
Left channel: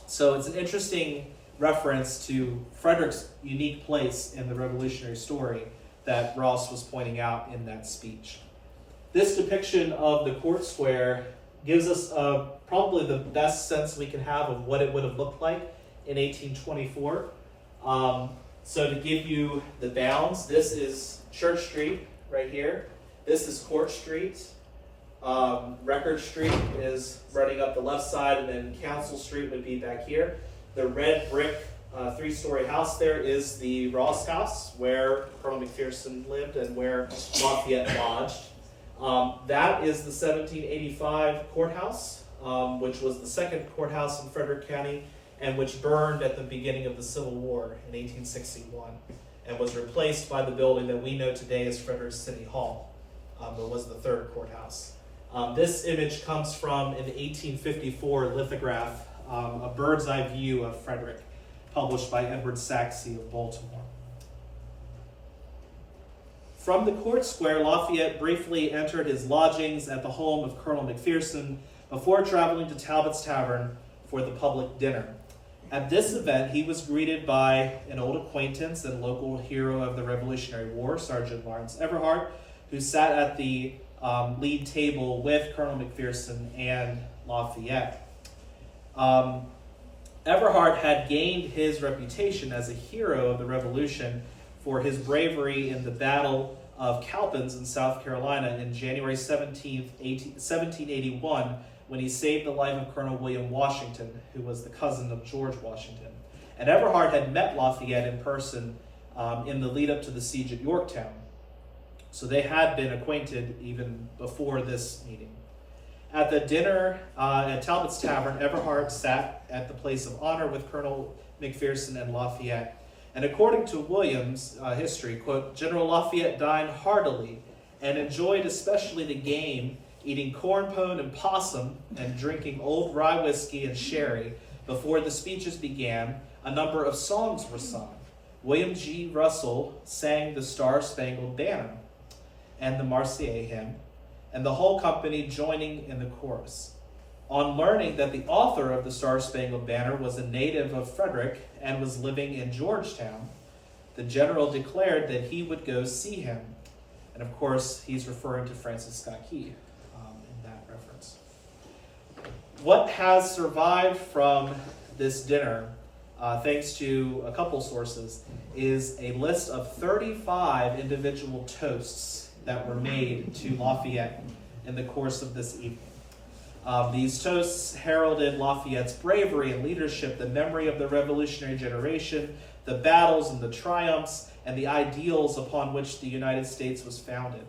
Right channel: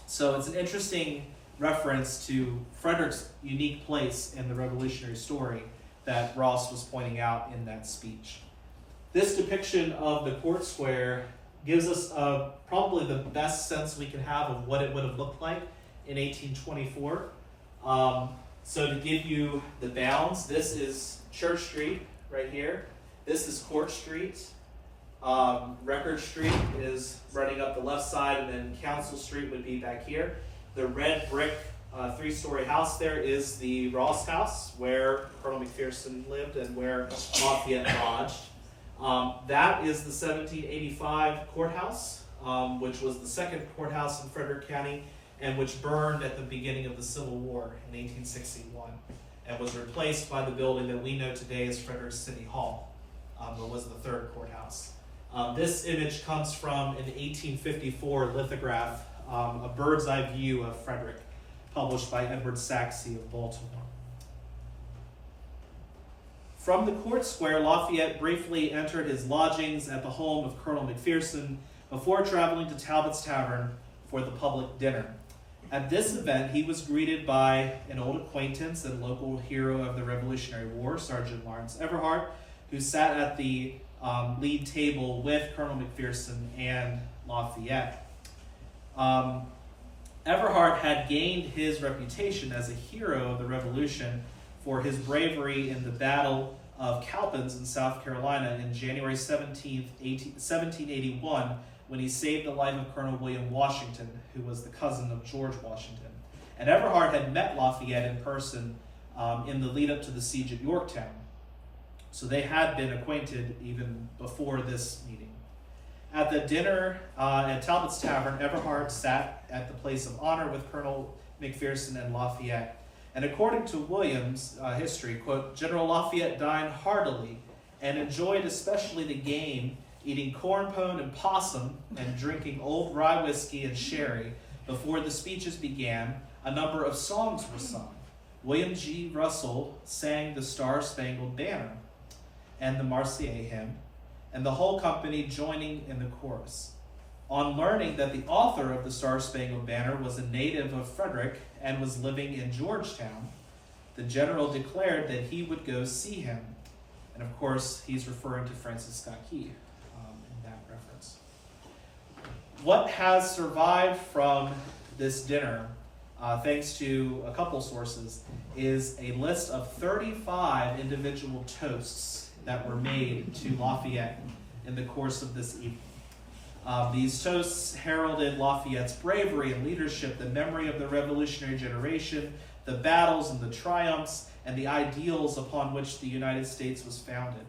So it's an interesting reference to Frederick's unique place in the revolutionary story that Ross was pointing out in that speech. This depiction of the Court Square gives us probably the best sense we can have of what it would have looked like in 1824. So to give you the bounds, this is Church Street right here. This is Court Street. Record Street is running up the left side, and then Council Street would be back here. The red brick three-story house there is the Ross House, where Colonel McPherson lived and where Lafayette lodged. That is the 1785 courthouse, which was the second courthouse in Frederick County, and which burned at the beginning of the Civil War in 1861, and was replaced by the building that we know today as Frederick City Hall, that was the third courthouse. This image comes from an 1854 lithograph, a bird's eye view of Frederick, published by Edward Saxey of Baltimore. From the court square, Lafayette briefly entered his lodgings at the home of Colonel McPherson before traveling to Talbot's Tavern for the public dinner. At this event, he was greeted by an old acquaintance and local hero of the Revolutionary War, Sergeant Lawrence Everhart, who sat at the lead table with Colonel McPherson and Lafayette. Everhart had gained his reputation as a hero of the Revolution for his bravery in the Battle of Cowpens in South Carolina in January 17th, 1781, when he saved the life of Colonel William Washington, who was the cousin of George Washington. And Everhart had met Lafayette in person in the lead up to the siege at Yorktown. So they had been acquainted even before this meeting. At the dinner at Talbot's Tavern, Everhart sat at the place of honor with Colonel McPherson and Lafayette. And according to Williams' history, quote, General Lafayette dined heartily and enjoyed especially the game, eating corn pone and possum and drinking old rye whiskey and sherry. Before the speeches began, a number of songs were sung. William G. Russell sang the Star-Spangled Banner and the Marseillaise hymn, and the whole company joining in the chorus. On learning that the author of the Star-Spangled Banner was a native of Frederick and was living in Georgetown, the general declared that he would go see him. And of course, he's referring to Francis Scott Key in that reference. What has survived from this dinner, thanks to a couple sources, is a list of 35 individual toasts that were made to Lafayette in the course of this evening. These toasts heralded Lafayette's bravery and leadership, the memory of the revolutionary generation, the battles and the triumphs, and the ideals upon which the United States was founded.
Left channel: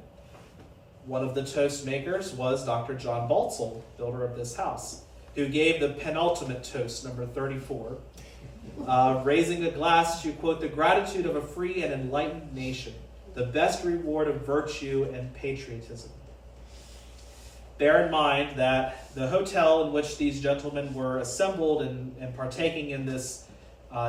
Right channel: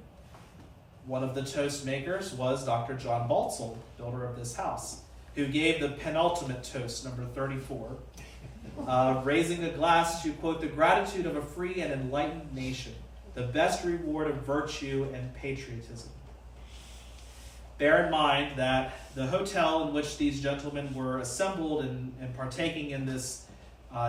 One of the toast makers was Dr. John Baltzell, builder of this house, who gave the penultimate toast, number 34, raising a glass to, quote, the gratitude of a free and enlightened nation, the best reward of virtue and patriotism. Bear in mind that the hotel in which these gentlemen were assembled and partaking in this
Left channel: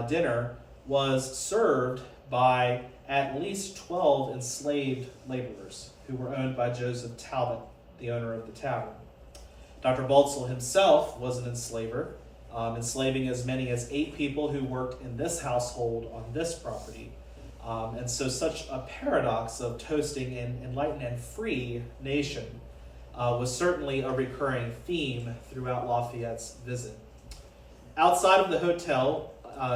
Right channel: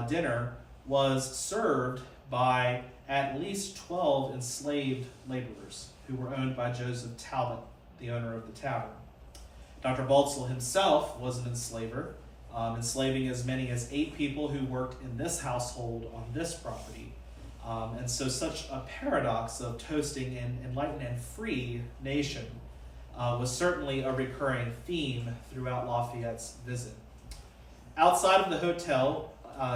dinner was served by at least 12 enslaved laborers who were owned by Joseph Talbot, the owner of the tavern. Dr. Baltzell himself was an enslaver, enslaving as many as 8 people who worked in this household on this property. And so such a paradox of toasting an enlightened and free nation was certainly a recurring theme throughout Lafayette's visit. Outside of the hotel,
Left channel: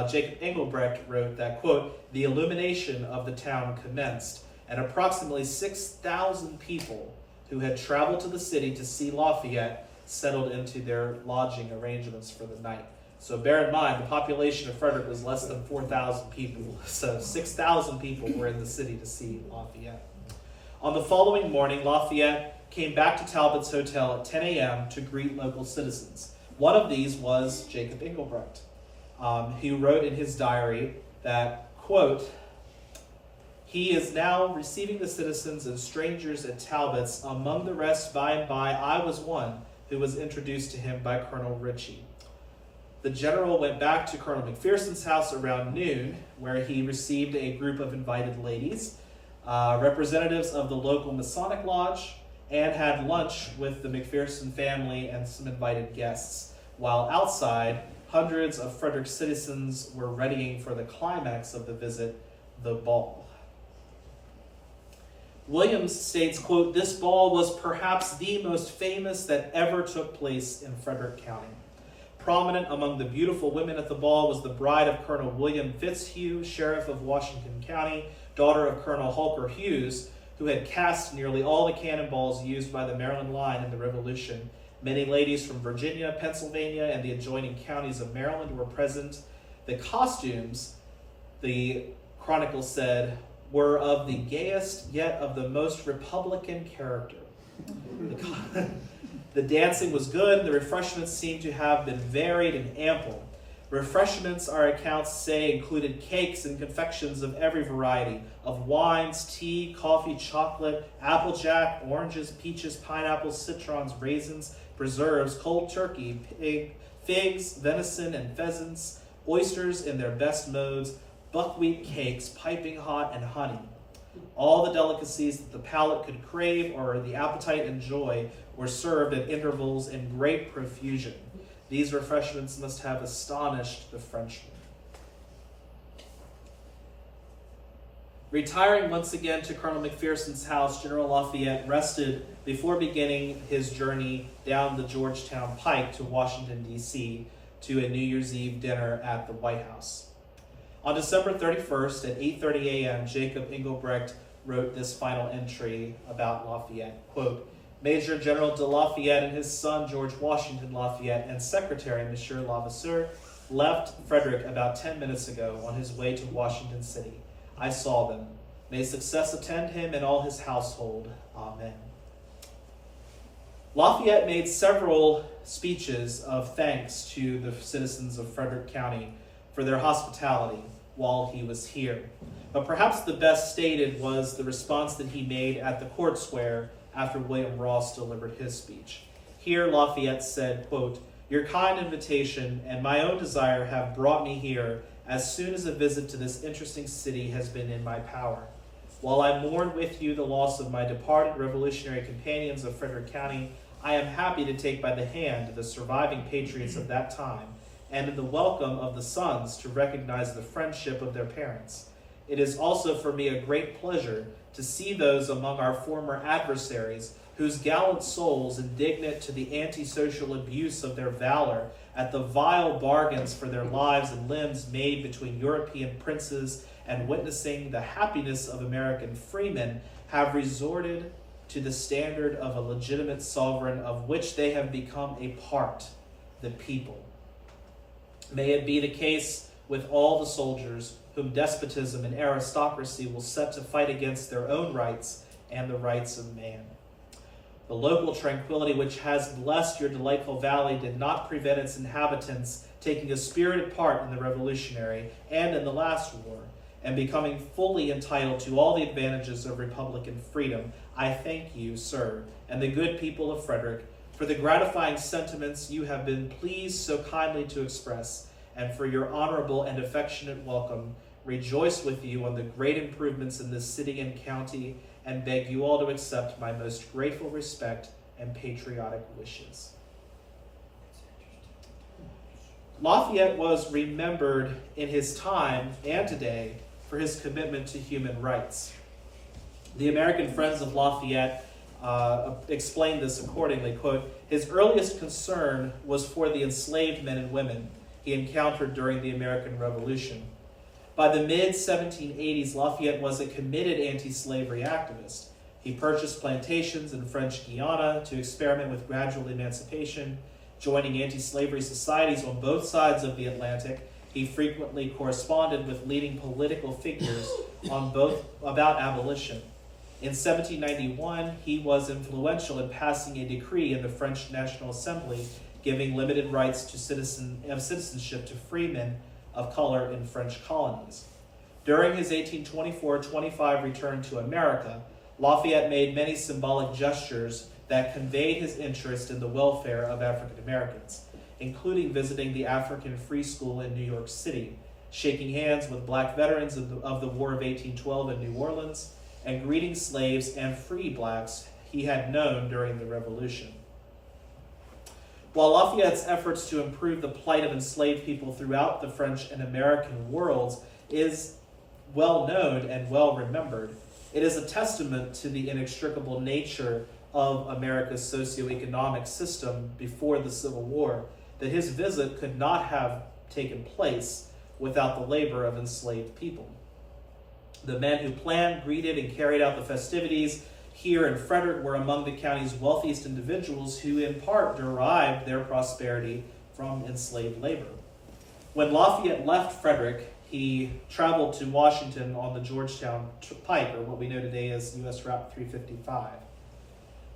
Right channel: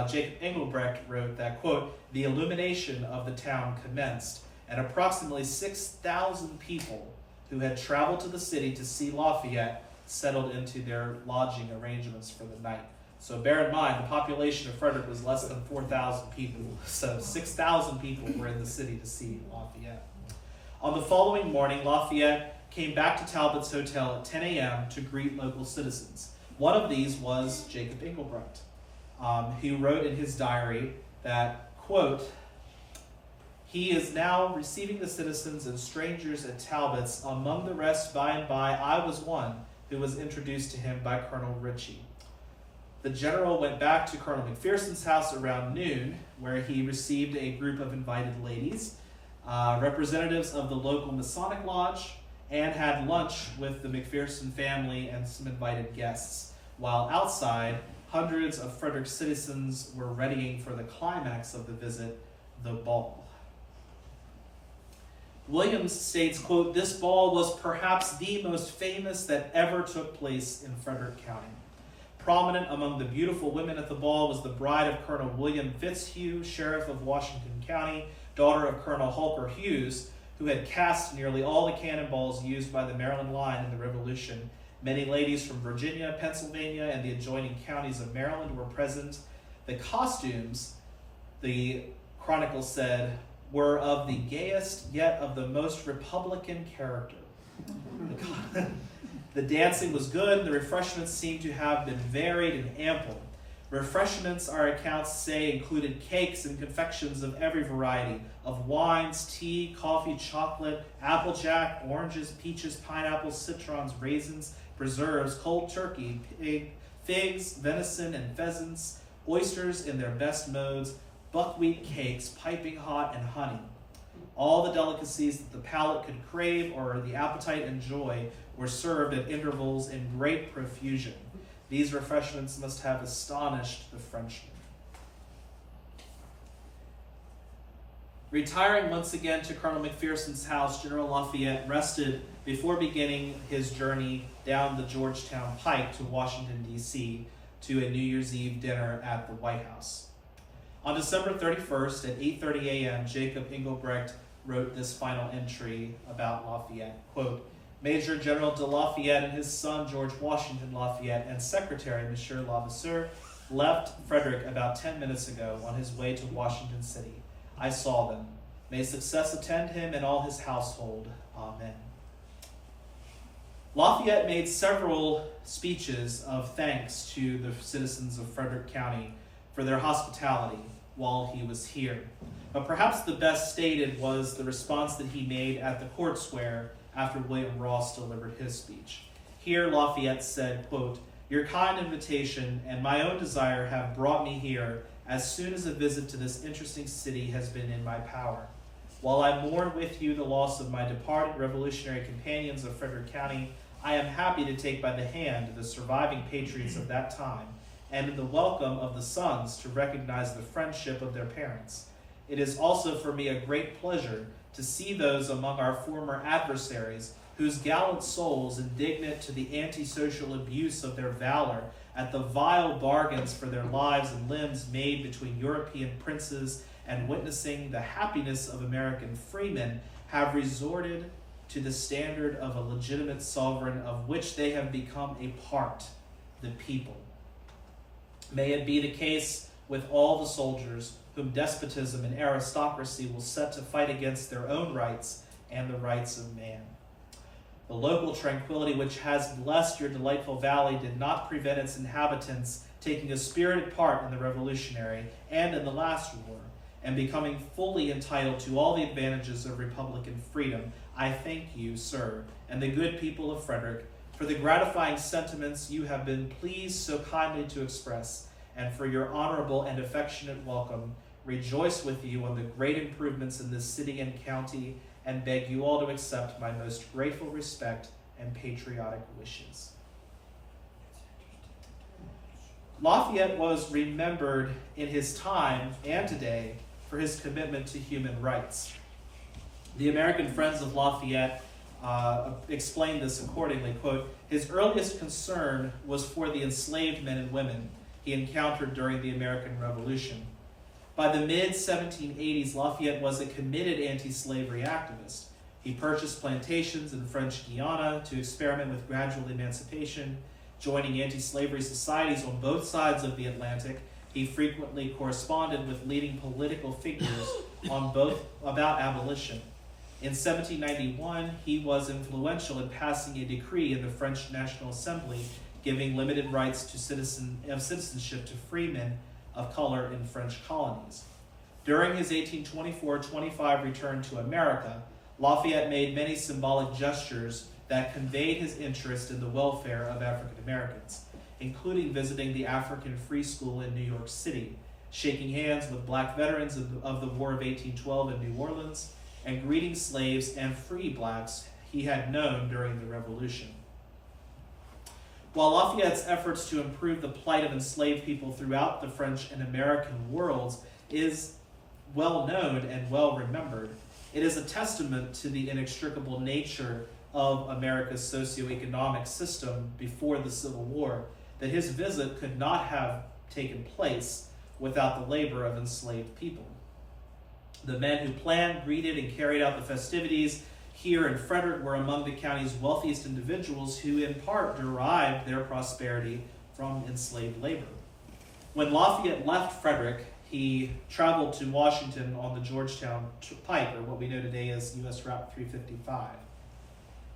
Jacob Engelbrecht wrote that, quote, the illumination of the town commenced, and approximately 6,000 people who had traveled to the city to see Lafayette settled into their lodging arrangements for the night. So bear in mind, the population of Frederick was less than 4,000 people, so 6,000 people were in the city to see Lafayette. On the following morning, Lafayette came back to Talbot's Hotel at 10 a.m. to greet local citizens. One of these was Jacob Engelbrecht. He wrote in his diary that, quote, he is now receiving the citizens and strangers at Talbot's. Among the rest, by and by, I was one who was introduced to him by Colonel Ritchie. The general went back to Colonel McPherson's house around noon, where he received a group of invited ladies, representatives of the local Masonic Lodge, and had lunch with the McPherson family and some invited guests, while outside, hundreds of Frederick citizens were readying for the climax of the visit, the ball. Williams states, quote, this ball was perhaps the most famous that ever took place in Frederick County. Prominent among the beautiful women at the ball was the bride of Colonel William Fitzhugh, Sheriff of Washington County, daughter of Colonel Holker Hughes, who had cast nearly all the cannonballs used by the Maryland line in the Revolution. Many ladies from Virginia, Pennsylvania, and the adjoining counties of Maryland were present. The costumes, the Chronicle said, were of the gayest yet of the most Republican character. The dancing was good. The refreshments seemed to have been varied and ample. Refreshments, our accounts say, included cakes and confections of every variety, of wines, tea, coffee, chocolate, applejack, oranges, peaches, pineapples, citrons, raisins, preserves, cold turkey, figs, venison, and pheasants, oysters in their best modes, buckwheat cakes, piping hot, and honey. All the delicacies that the palate could crave or the appetite enjoy were served at intervals in great profusion. These refreshments must have astonished the Frenchmen. Retiring once again to Colonel McPherson's house, General Lafayette rested before beginning his journey down the Georgetown Pike to Washington, D.C., to a New Year's Eve dinner at the White House. On December 31st at 8:30 a.m., Jacob Engelbrecht wrote this final entry about Lafayette, quote, Major General de Lafayette and his son George Washington Lafayette and Secretary Monsieur Levasseur left Frederick about 10 minutes ago on his way to Washington City. I saw them. May success attend him and all his household. Amen. Lafayette made several speeches of thanks to the citizens of Frederick County for their hospitality while he was here. But perhaps the best stated was the response that he made at the Court Square after William Ross delivered his speech. Here Lafayette said, quote, Your kind invitation and my own desire have brought me here as soon as a visit to this interesting city has been in my power. While I mourn with you the loss of my departed revolutionary companions of Frederick County, I am happy to take by the hand the surviving patriots of that time and in the welcome of the sons to recognize the friendship of their parents. It is also for me a great pleasure to see those among our former adversaries whose gallant souls, indignant to the antisocial abuse of their valor at the vile bargains for their lives and limbs made between European princes and witnessing the happiness of American freemen, have resorted to the standard of a legitimate sovereign of which they have become a part, the people. May it be the case with all the soldiers whom despotism and aristocracy will set to fight against their own rights and the rights of man. The local tranquility which has blessed your delightful valley did not prevent its inhabitants taking a spirited part in the Revolutionary and in the last war, and becoming fully entitled to all the advantages of Republican freedom. I thank you, sir, and the good people of Frederick, for the gratifying sentiments you have been pleased so kindly to express, and for your honorable and affectionate welcome. Rejoice with you on the great improvements in this city and county, and beg you all to accept my most grateful respect and patriotic wishes. Lafayette was remembered in his time and today for his commitment to human rights. The American Friends of Lafayette explained this accordingly, quote, his earliest concern was for the enslaved men and women he encountered during the American Revolution. By the mid-1780s, Lafayette was a committed anti-slavery activist. He purchased plantations in French Guiana to experiment with gradual emancipation, joining anti-slavery societies on both sides of the Atlantic. He frequently corresponded with leading political figures on both about abolition. In 1791, he was influential in passing a decree in the French National Assembly giving limited rights to citizenship to freemen of color in French colonies. During his 1824-25 return to America, Lafayette made many symbolic gestures that conveyed his interest in the welfare of African Americans, including visiting the African Free School in New York City, shaking hands with black veterans of the War of 1812 in New Orleans, and greeting slaves and free blacks he had known during the Revolution. While Lafayette's efforts to improve the plight of enslaved people throughout the French and American worlds is well known and well remembered, it is a testament to the inextricable nature of America's socioeconomic system before the Civil War that his visit could not have taken place without the labor of enslaved people. The men who planned, greeted, and carried out the festivities here in Frederick were among the county's wealthiest individuals who in part derived their prosperity from enslaved labor. When Lafayette left Frederick, he traveled to Washington on the Georgetown Pike, or what we know today as U.S. Route 355.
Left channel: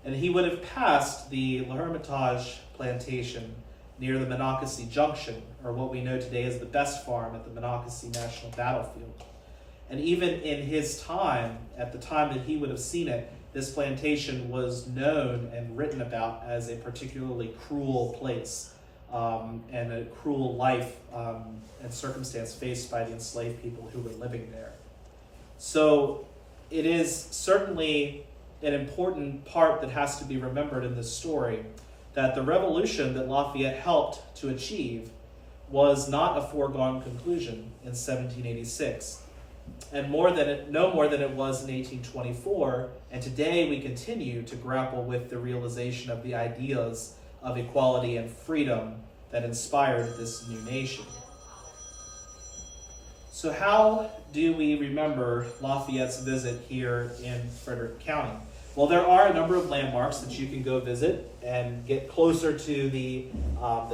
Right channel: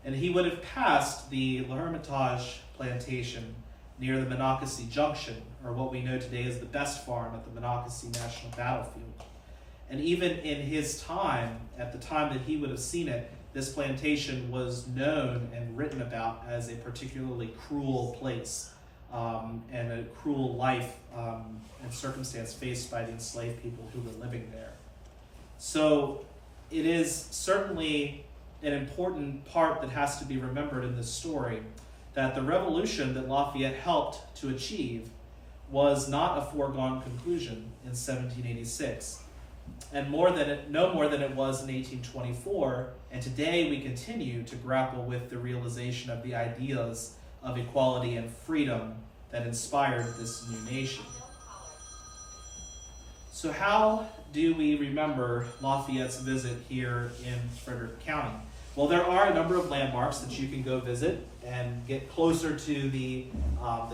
And he would have passed the L'Hermitage plantation near the Monocacy Junction, or what we know today as the Best Farm at the Monocacy National Battlefield. And even in his time, at the time that he would have seen it, this plantation was known and written about as a particularly cruel place and a cruel life and circumstance faced by the enslaved people who were living there. So it is certainly an important part that has to be remembered in this story, that the revolution that Lafayette helped to achieve was not a foregone conclusion in 1786, and no more than it was in 1824, and today we continue to grapple with the realization of the ideas of equality and freedom that inspired this new nation. So how do we remember Lafayette's visit here in Frederick County? Well, there are a number of landmarks that you can go visit and get closer to the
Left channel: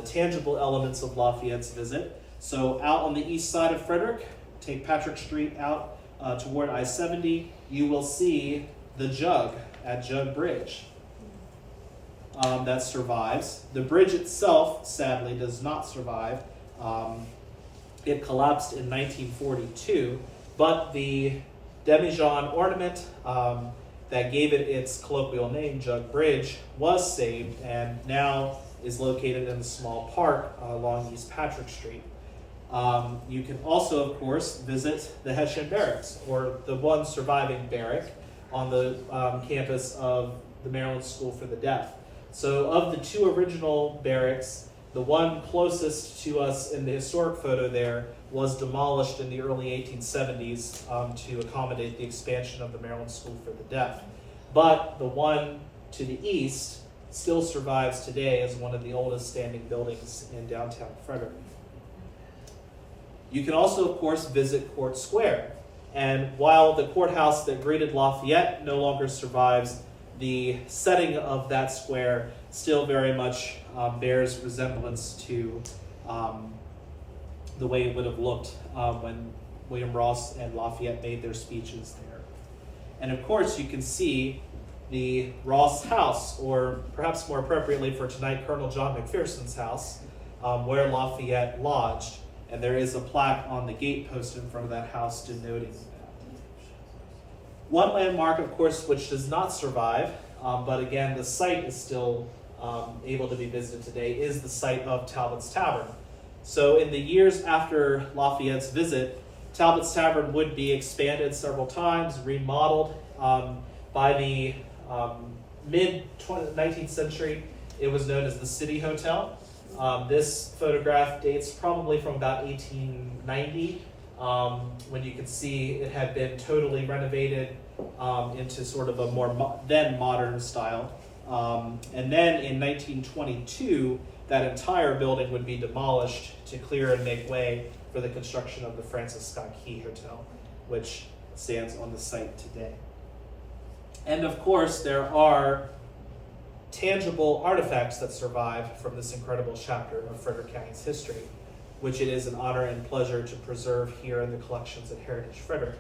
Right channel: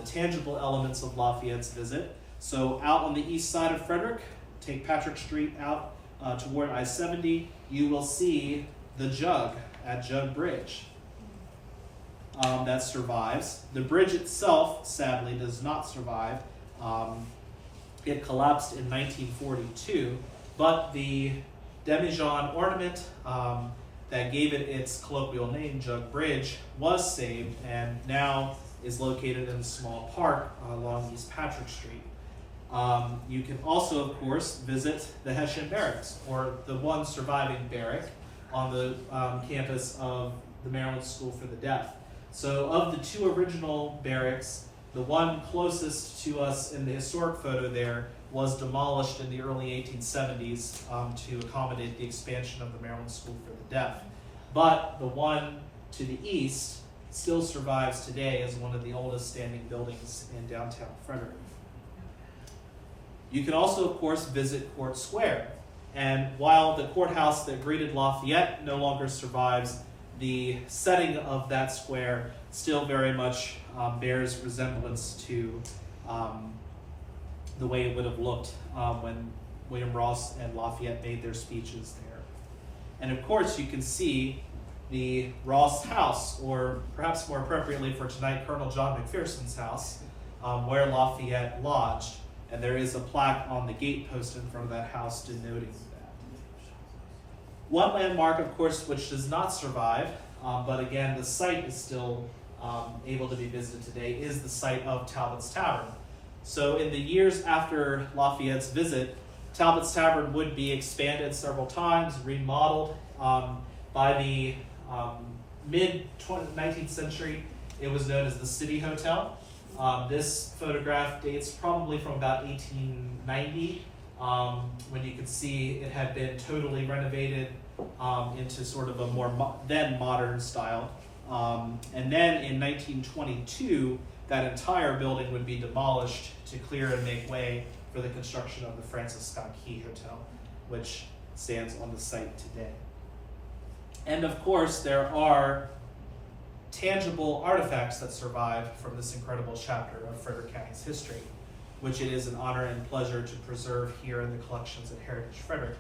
tangible elements of Lafayette's visit. So out on the east side of Frederick, take Patrick Street out toward I-70, you will see the Jug at Jug Bridge. That survives. The bridge itself, sadly, does not survive. It collapsed in 1942, but the demijohn ornament that gave it its colloquial name, Jug Bridge, was saved and now is located in a small park along East Patrick Street. You can also, of course, visit the Hessian Barracks, or the one surviving barrack on the campus of the Maryland School for the Deaf. So of the two original barracks, the one closest to us in the historic photo there was demolished in the early 1870s to accommodate the expansion of the Maryland School for the Deaf. But the one to the east still survives today as one of the oldest standing buildings in downtown Frederick. You can also, of course, visit Court Square. And while the courthouse that greeted Lafayette no longer survives, the setting of that square still very much bears resemblance to the way it would have looked when William Ross and Lafayette made their speeches there. And of course, you can see the Ross house, or perhaps more appropriately for tonight, Colonel John McPherson's house, where Lafayette lodged. And there is a plaque on the gate post in front of that house denoting that. One landmark, of course, which does not survive, but again, the site is still able to be visited today, is the site of Talbot's Tavern. So in the years after Lafayette's visit, Talbot's Tavern would be expanded several times, remodeled. By the mid-19th century, it was known as the City Hotel. This photograph dates probably from about 1890, when you can see it had been totally renovated into sort of a more then modern style. And then in 1922, that entire building would be demolished to clear and make way for the construction of the Francis Scott Key Hotel, which stands on the site today. And of course, there are tangible artifacts that survive from this incredible chapter of Frederick County's history, which it is an honor and pleasure to preserve here in the collections at Heritage Frederick.